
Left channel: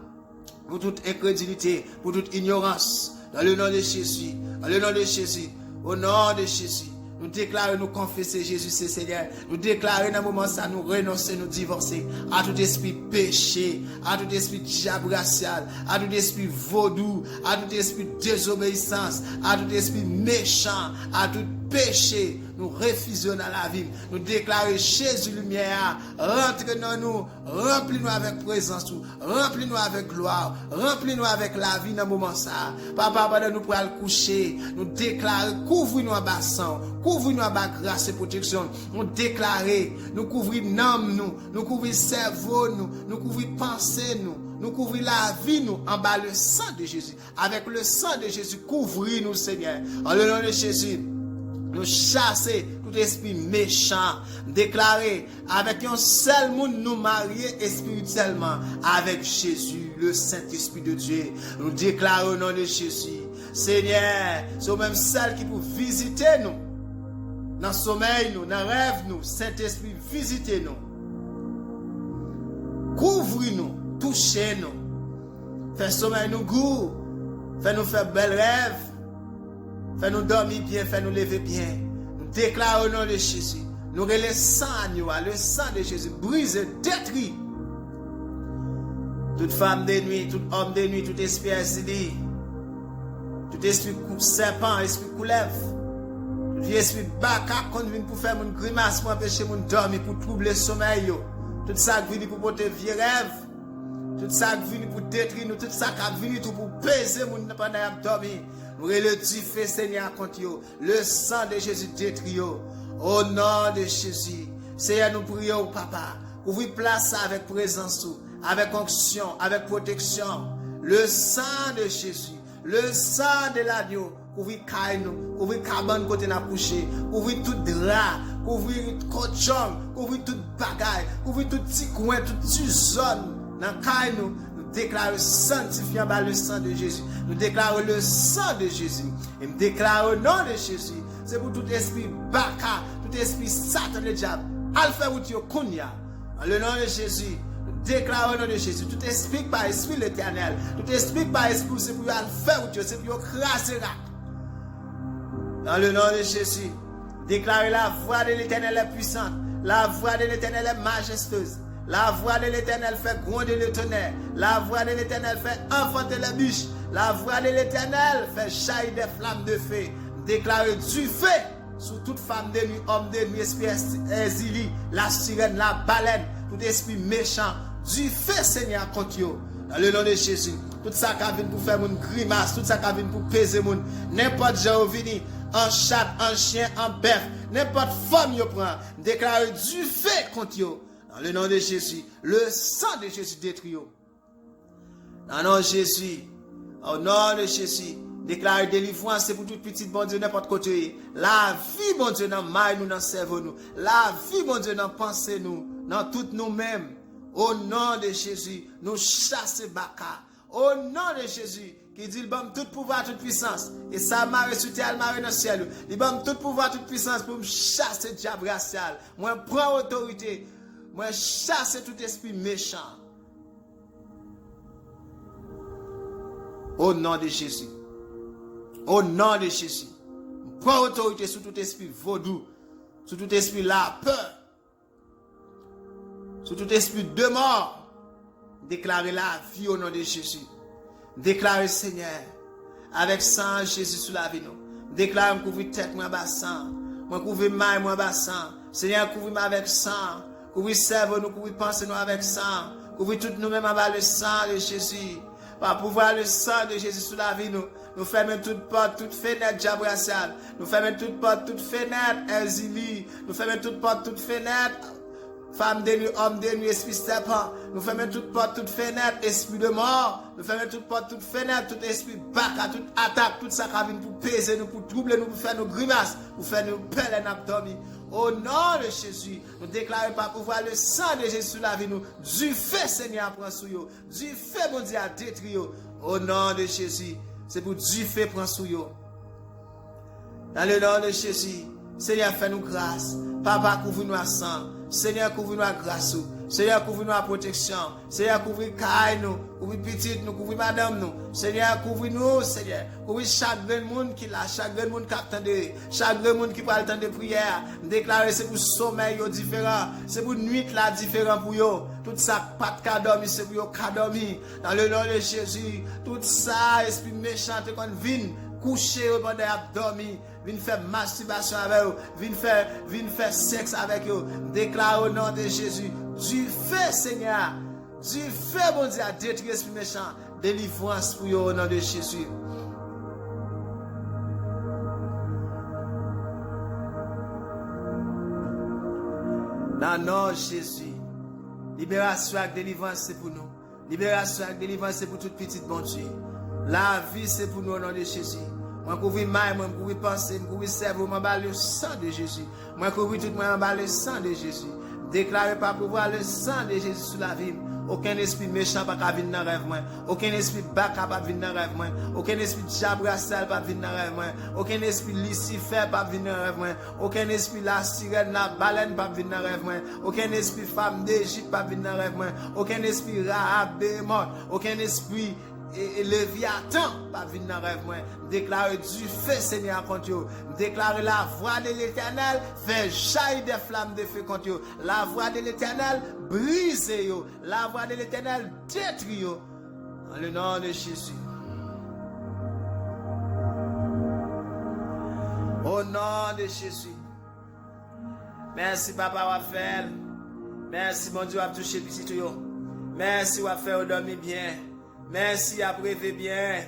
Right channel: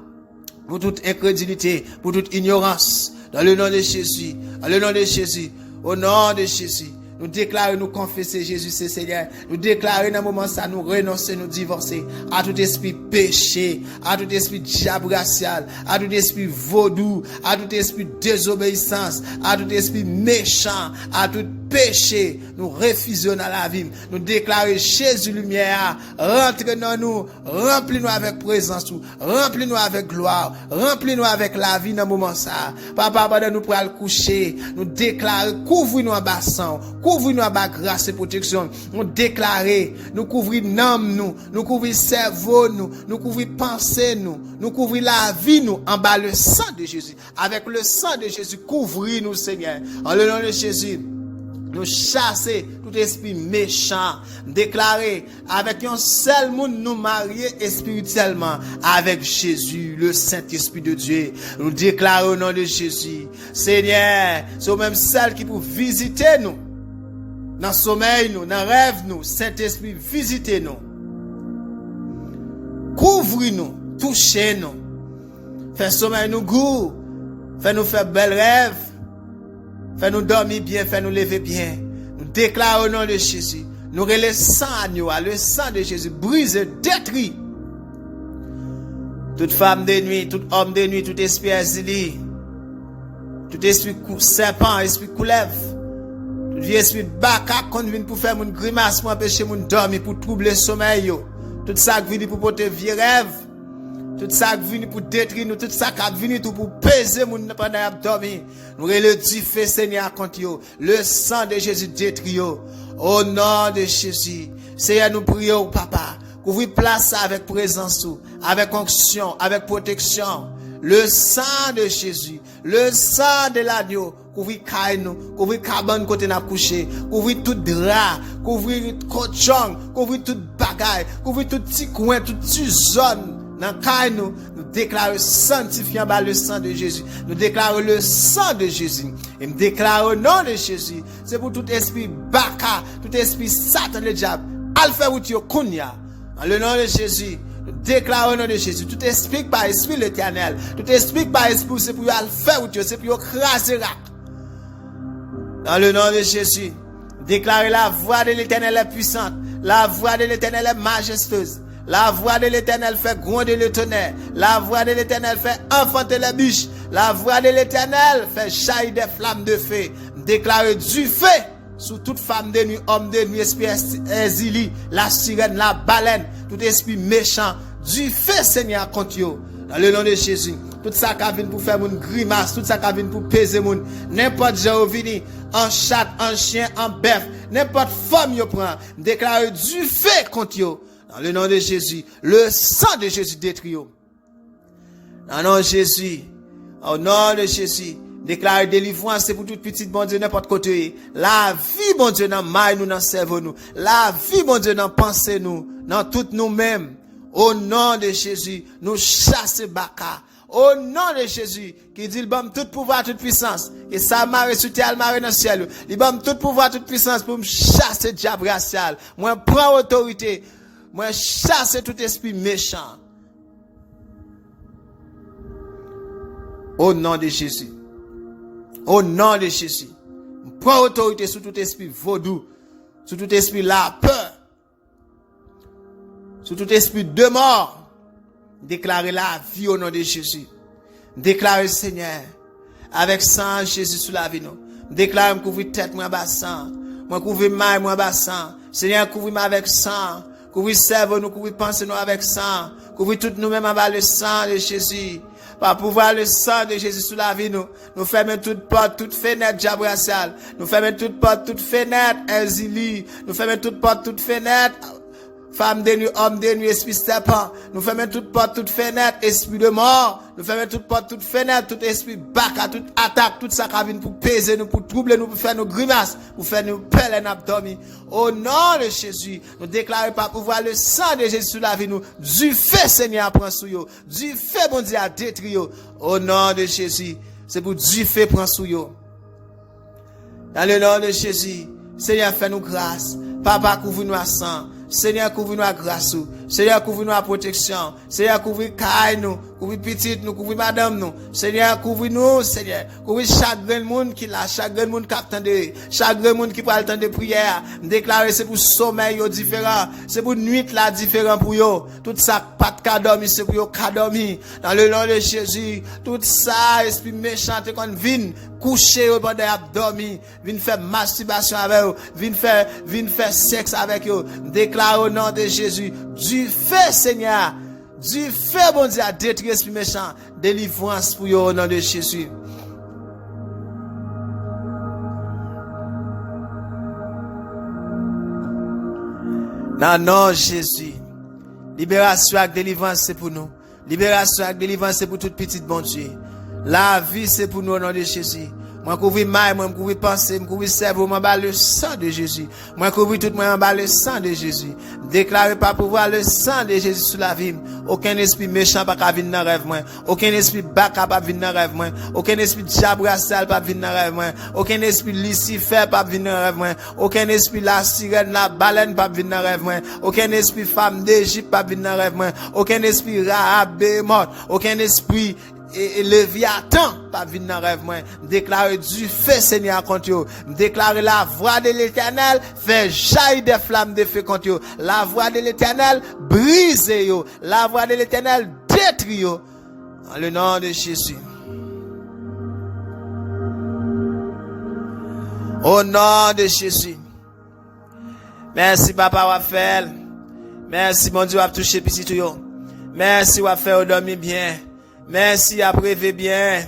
pour toute incrédulité, pour toute ignorance. Dans le nom de Jésus, dans le nom de Jésus, au nom de Jésus. Nous déclarons, nous confesser Jésus c'est Seigneur. Nous déclarons dans le moment ça, nous renoncer, nous divorcer à tout esprit péché, à tout esprit diable racial, à tout esprit vaudou, à tout esprit désobéissance, à tout esprit méchant, à tout péché. Nous refusons dans la vie. Nous déclarons Jésus lumière, rentre dans nous, remplis-nous avec présence, remplis-nous avec gloire, remplis-nous avec la vie dans le moment ça. Papa, pendant nous pour aller coucher, nous déclarons, couvre-nous en bassin, couvre-nous en bas grâce et protection. Nous déclarons, nous couvrons l'âme, nous couvrons cerveau, nous couvrons pensée, nous couvrons la vie, nous, en bas le sang de Jésus. Avec le sang de Jésus, couvrez-nous, Seigneur. En le nom de Jésus. Nous chasser tout esprit méchant, déclarer avec un seul monde nous marier spirituellement avec Jésus, le Saint-Esprit de Dieu. Nous déclarons au nom de Jésus. Seigneur, c'est même celle qui peut visiter nous. Dans le sommeil, nous, dans le rêve, nous, Saint-Esprit, visitez-nous. Couvrez-nous, touchez-nous. Fais sommeil nous goût. Fais-nous faire bel rêve. Fais-nous dormir bien, fais-nous lever bien. Nous déclarons au nom de Jésus. Nous relèvons le sang de Jésus, brise, détruit. Toute femme de nuit, tout homme de nuit, tout esprit asile, tout esprit serpent, esprit couleuvre, tout vieux esprit baka, qu'on vient pour faire une grimace, pour empêcher mon dormir, pour troubler le sommeil. Tout ça qui vient pour porter vieux rêve. Tout ça qui vient pour détruire nous, tout ça qui vient pour peser nous pendant qu'on dormir. Nous le du feu Seigneur contre yo. Le sang de Jésus détruit yo. Au nom de Jésus. Seigneur, nous prions, papa. Ouvrir place avec présence, avec onction, avec protection. Le sang de Jésus. Le sang de l'agneau. Couvrir caille nous, couvrir cabane côté n'a couché, couvrir tout drap, couvrir cochon, couvrir tout bagaille, couvrir tout petit coin, toute petite zone. Dans nous déclarons sanctifiant par le sang de Jésus. Nous déclarons le sang de Jésus. Et nous déclarons au nom de Jésus. C'est pour tout esprit baka, tout esprit satan le diable. Alpha ou tio kunya. En le nom de Jésus. Nous déclarons au nom de Jésus. Tout esprit par esprit l'éternel. Tout esprit par esprit, c'est pour alpha ou tio, c'est pour craser. Dans le nom de Jésus. Déclarez la voix de l'éternel est puissante. La voix de l'éternel est majestueuse. La voix de l'Éternel fait gronder le tonnerre. La voix de l'Éternel fait enfanter les biches. La voix de l'Éternel fait jaillir des flammes de feu. Déclarer du feu sur toute femme de nuit, homme de nuit, esprit exilé, la sirène, la baleine, tout esprit méchant. Du feu, Seigneur, contre eux. Dans le nom de Jésus. Tout ça qui vient pour faire une grimace, tout ça qui vient pour peser mon. N'importe où vini, en chat, en chien, en bœuf, n'importe forme yo prend. Déclarer du feu contre eux. Dans le nom de Jésus, le sang de Jésus détruit. Dans le nom de Jésus, au nom de Jésus, déclare délivrance, c'est pour toute petite bon Dieu n'importe côté. La vie, bon Dieu, dans maille nous, dans cerveau nous. La vie, bon Dieu, dans pensée nous, dans toutes nous-mêmes. Au nom de Jésus, nous chassons Baka. Au nom de Jésus, qui dit, il donne tout pouvoir, toute puissance. Et ça marre sur terre, marre dans le ciel. Il donne tout pouvoir, toute puissance pour me chasser le diable racial. Moi, prends autorité. Moi, chasse tout esprit méchant. Au nom de Jésus. Au nom de Jésus. Prends autorité sur tout esprit vaudou. Sur tout esprit la peur. Sur tout esprit de mort. Déclarez la vie au nom de Jésus. Déclarez Seigneur. Avec sang Jésus sous la vie nous. Déclarez moi couvrir tête moi bassin. Moi couvrir maille moi bassin. Seigneur couvrir avec sang. Couvrir cerveau nous, couvrir pensée nous avec sang. Couvrir tout nous-mêmes avec le sang de Jésus. Par pouvoir le sang de Jésus sous la vie nous. Nous fermons toute porte, toute fenêtre diable racial. Nous fermons toute porte, toute fenêtre exilée. Nous fermons toute porte, toute fenêtre Femme de nuit, homme de nuit, esprit serpent. Nous fermons toute porte, toute fenêtre, esprit de mort. Nous fermons toute porte, toute fenêtre, tout esprit baka, toute attaque, tout ça qui vient pour peser nous, pour troubler nous, pour faire nos grimaces, pour faire nos pelles et nos dormir. Au nom de Jésus, nous déclarons par pouvoir le sang de Jésus sur la vie nous. Du feu, Seigneur, prend sous yo. Du feu, bon Dieu, à détruire. Au nom de Jésus, c'est pour du feu prend sous yo. Dans le nom de Jésus, Seigneur, fais-nous grâce. Papa, couvre-nous à sang. Seigneur, couvre-nous à grâce. Seigneur, couvre-nous à protection. Seigneur, couvre caille nous, couvre petite nous, couvre madame nous. Seigneur, couvre-nous, Seigneur. Couvre chaque grand monde qui l'a, chaque grand monde qui attend, chaque grand monde qui prend le temps de prière. Déclarer c'est pour sommeil différent, c'est pour nuit là différent pour yo. Tout ça pas de dormir, c'est pour yo dormir. Dans le nom de Jésus, tout ça esprit méchant qu'on vient coucher au bord de dormir, vient faire masturbation avec eux, vient faire sexe avec eux. Déclare au nom de Jésus, du feu, Seigneur, du feu, bon Dieu, à détruire l'esprit méchant, délivrance pour eux au nom de Jésus. Dans le nom de Jésus, libération et délivrance, c'est pour nous. Libération et délivrance, c'est pour toute petite bon Dieu. La vie, c'est pour nous au nom de Jésus. Moi, couvrir maille, moi, couvrir pensée, moi, couvrir cerveau, moi, le sang de Jésus. Moi, couvrir tout, moi, le sang de Jésus. Déclarer par pouvoir le sang de Jésus sur la vie. Aucun esprit méchant pas venir dans le rêve, moi. Aucun esprit baka pas venir dans le rêve, moi. Aucun esprit diabrasal pas venir dans le rêve, moi. Aucun esprit Lucifer pas venir dans le rêve, moi. Aucun esprit la sirène, la baleine pas venir dans le rêve, moi. Aucun esprit femme d'Égypte pas venir dans le rêve, moi. Aucun esprit Rahab mort. Aucun esprit et Léviathan pas venir dans rêve moi. Déclarer du feu Seigneur contre eux. Déclarer la voix de l'Éternel fait jaillir des flammes de feu contre eux. La voix de l'Éternel brise yo. La voix de l'Éternel détruit yo. Dans le nom de Jésus. Au nom de Jésus. Merci papa Raphaël. Merci mon Dieu à toucher petit tout yo. Merci à faire dormir bien. Merci à rêver bien.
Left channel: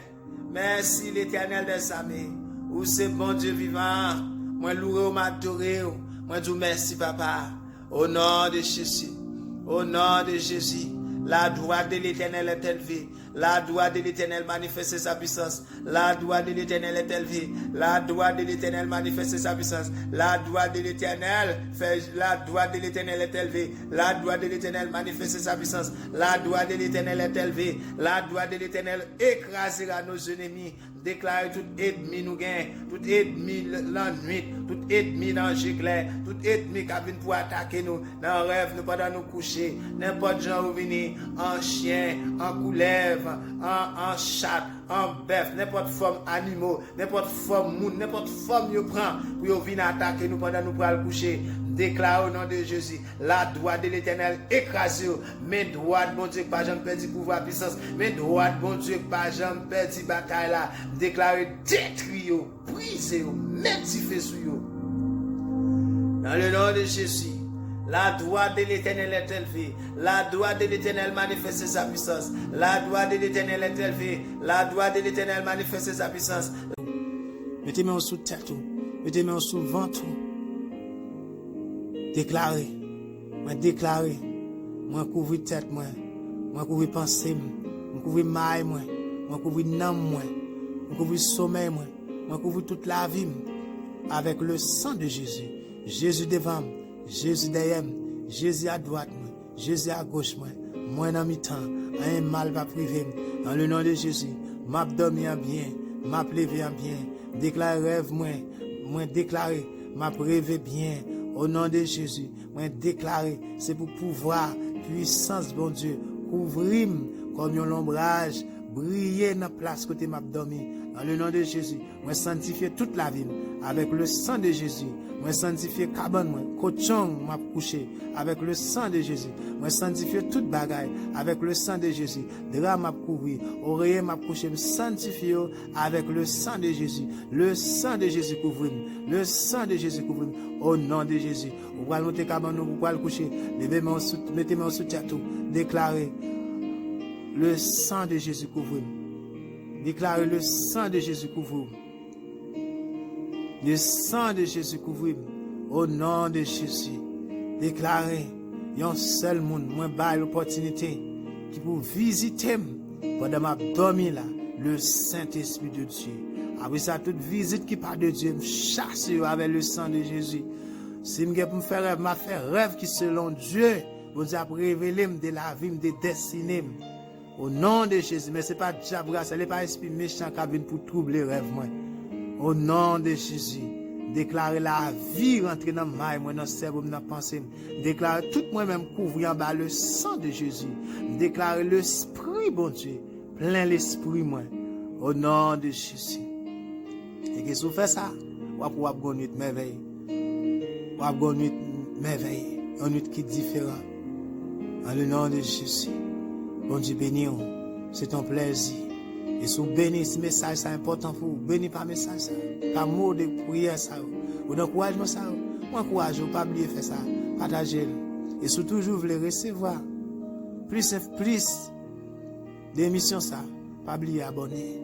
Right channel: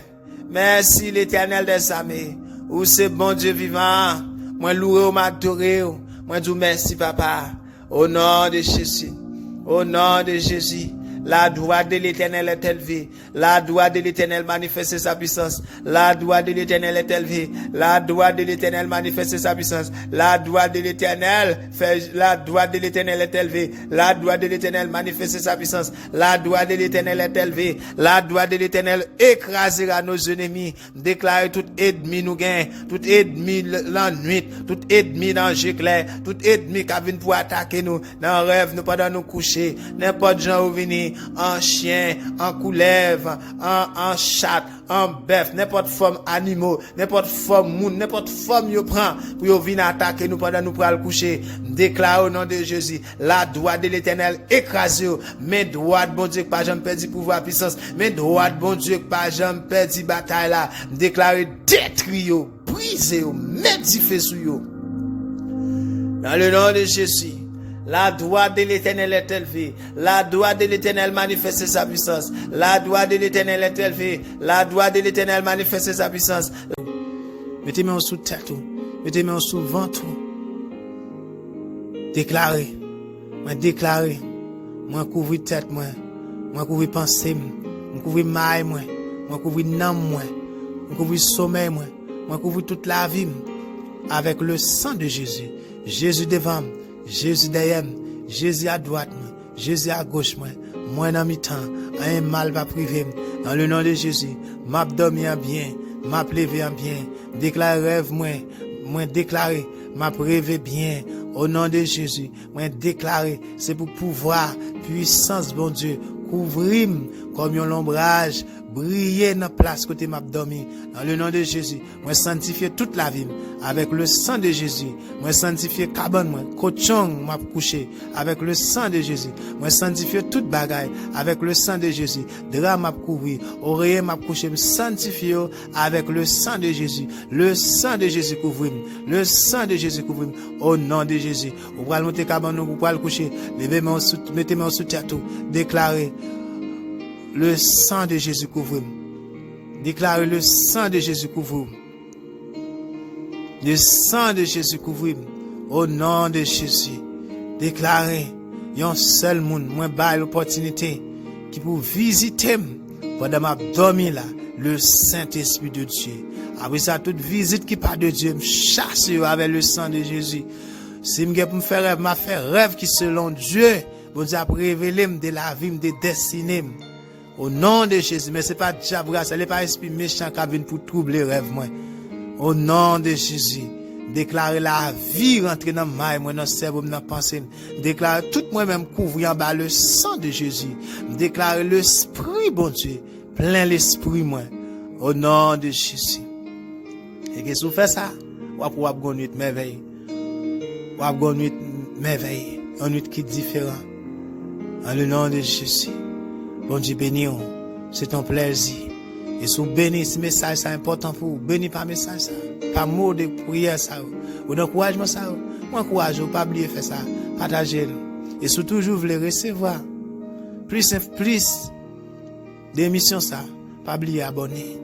Merci l'Éternel des armées. Ou c'est bon Dieu vivant. Moi loué, m'adorer. Moi dis merci papa. Au nom de Jésus. Au nom de Jésus. La droite de l'Éternel est élevée. La droite de l'Éternel manifeste sa puissance. La droite de l'Éternel est élevée. La droite de l'Éternel manifeste sa puissance. La droite de l'Éternel fait, la droite de l'Éternel est élevée. La droite de l'Éternel manifeste sa puissance. La droite de l'Éternel est élevée. La droite de l'Éternel écrasera nos ennemis. Déclare tout ennemi nous gagne. Tout ennemi la nuit. Tout ennemi dans le clair. Tout ennemi qui vient pour attaquer nous. Dans le rêve, nous pendant nous coucher. N'importe gens où venir. En chien, en couleuvre, en chat, en bœuf, n'importe forme animaux, n'importe forme moun, n'importe forme yo prend pour yo venir attaquer nous pendant nous pral coucher. Déclare au nom de Jésus, la droite de l'Éternel écrase yo, mais droite bon Dieu pas jamais perdu pouvoir puissance, mais droite bon Dieu pas jamais perdu bataille là. Déclare détruire yo, briser yo, mettre du feu sur yo. Dans le nom de Jésus. La droite de l'Éternel est élevée. La droite de l'Éternel manifeste sa puissance. La droite de l'Éternel est élevée. La droite de l'Éternel manifeste sa puissance. Mettez-moi sous tête. Mettez-moi sous ventre. Déclarez. Moi déclarez. Moi couvrir tête moi. Moi couvrir pensée moi. Couvrir maille moi. Moi couvrir nam moi. Couvrir sommeil moi. Moi couvrir toute la vie avec le sang de Jésus. Jésus devant. Jésus derrière, Jésus à droite, Jésus à gauche, moi dans mi-temps, un mal va priver. Dans le nom de Jésus, m'a dormi bien, m'a levé bien, déclare rêve moi déclarer, m'a rêvé bien. Au nom de Jésus, moi déclarer, c'est pour pouvoir, puissance bon Dieu, couvrir comme un ombrage, briller dans la place côté m'a dormi. Dans le nom de Jésus, moi sanctifier toute la vie avec le sang de Jésus. Moi sanctifier cabane moi, cochon m'a couché avec le sang de Jésus. Moi sanctifier toute bagaille avec le sang de Jésus. Drap m'a couvrir, oreiller m'a couché, sanctifier avec le sang de Jésus. Le sang de Jésus couvre. Le sang de Jésus couvre. Au nom de Jésus. Vous allez monter cabane vous pouvez le coucher. Levez-moi mettez-moi sous terre tout. Déclarez le sang de Jésus couvre. Déclarez le sang de Jésus couvre. Le sang de Jésus couvre. Au nom de Jésus. Déclarez yon seul moun, moi ba l'opportunité qui pour visiter pendant ma dormi là, le Saint-Esprit de Dieu. Après ça, toute visite qui part de Dieu, me chasse avec le sang de Jésus. Si je pour me faire rêve, m'a fait rêve qui selon Dieu, bon Dieu a révélé de la vie, de destinée. Au nom de Jésus, mais c'est pas diable, ce n'est pas esprit méchant qui vient pour troubler rêve moi. Au nom de Jésus, déclarer la vie rentrer dans ma moi dans cerveau dans pensée, déclarer tout moi-même couvrir en bas le sang de Jésus, déclarer l'esprit bon Dieu, plein l'esprit moi. Au nom de Jésus. Et que si vous faites ça, vous allez pouvoir avoir une nuit merveille. Vous allez avoir une nuit merveille. Une nuit qui est différente. En le nom de Jésus. Bon Dieu béni. C'est ton plaisir. Et si vous bénissez ce message, c'est important pour vous. Bénis par message ça. Pas mot de prière ça. Ou d'encouragement ça. Moi, encourage, pas oublier faire ça. Partagez-le. Et si toujours vous voulez recevoir plus d'émissions ça, pas oublier abonner.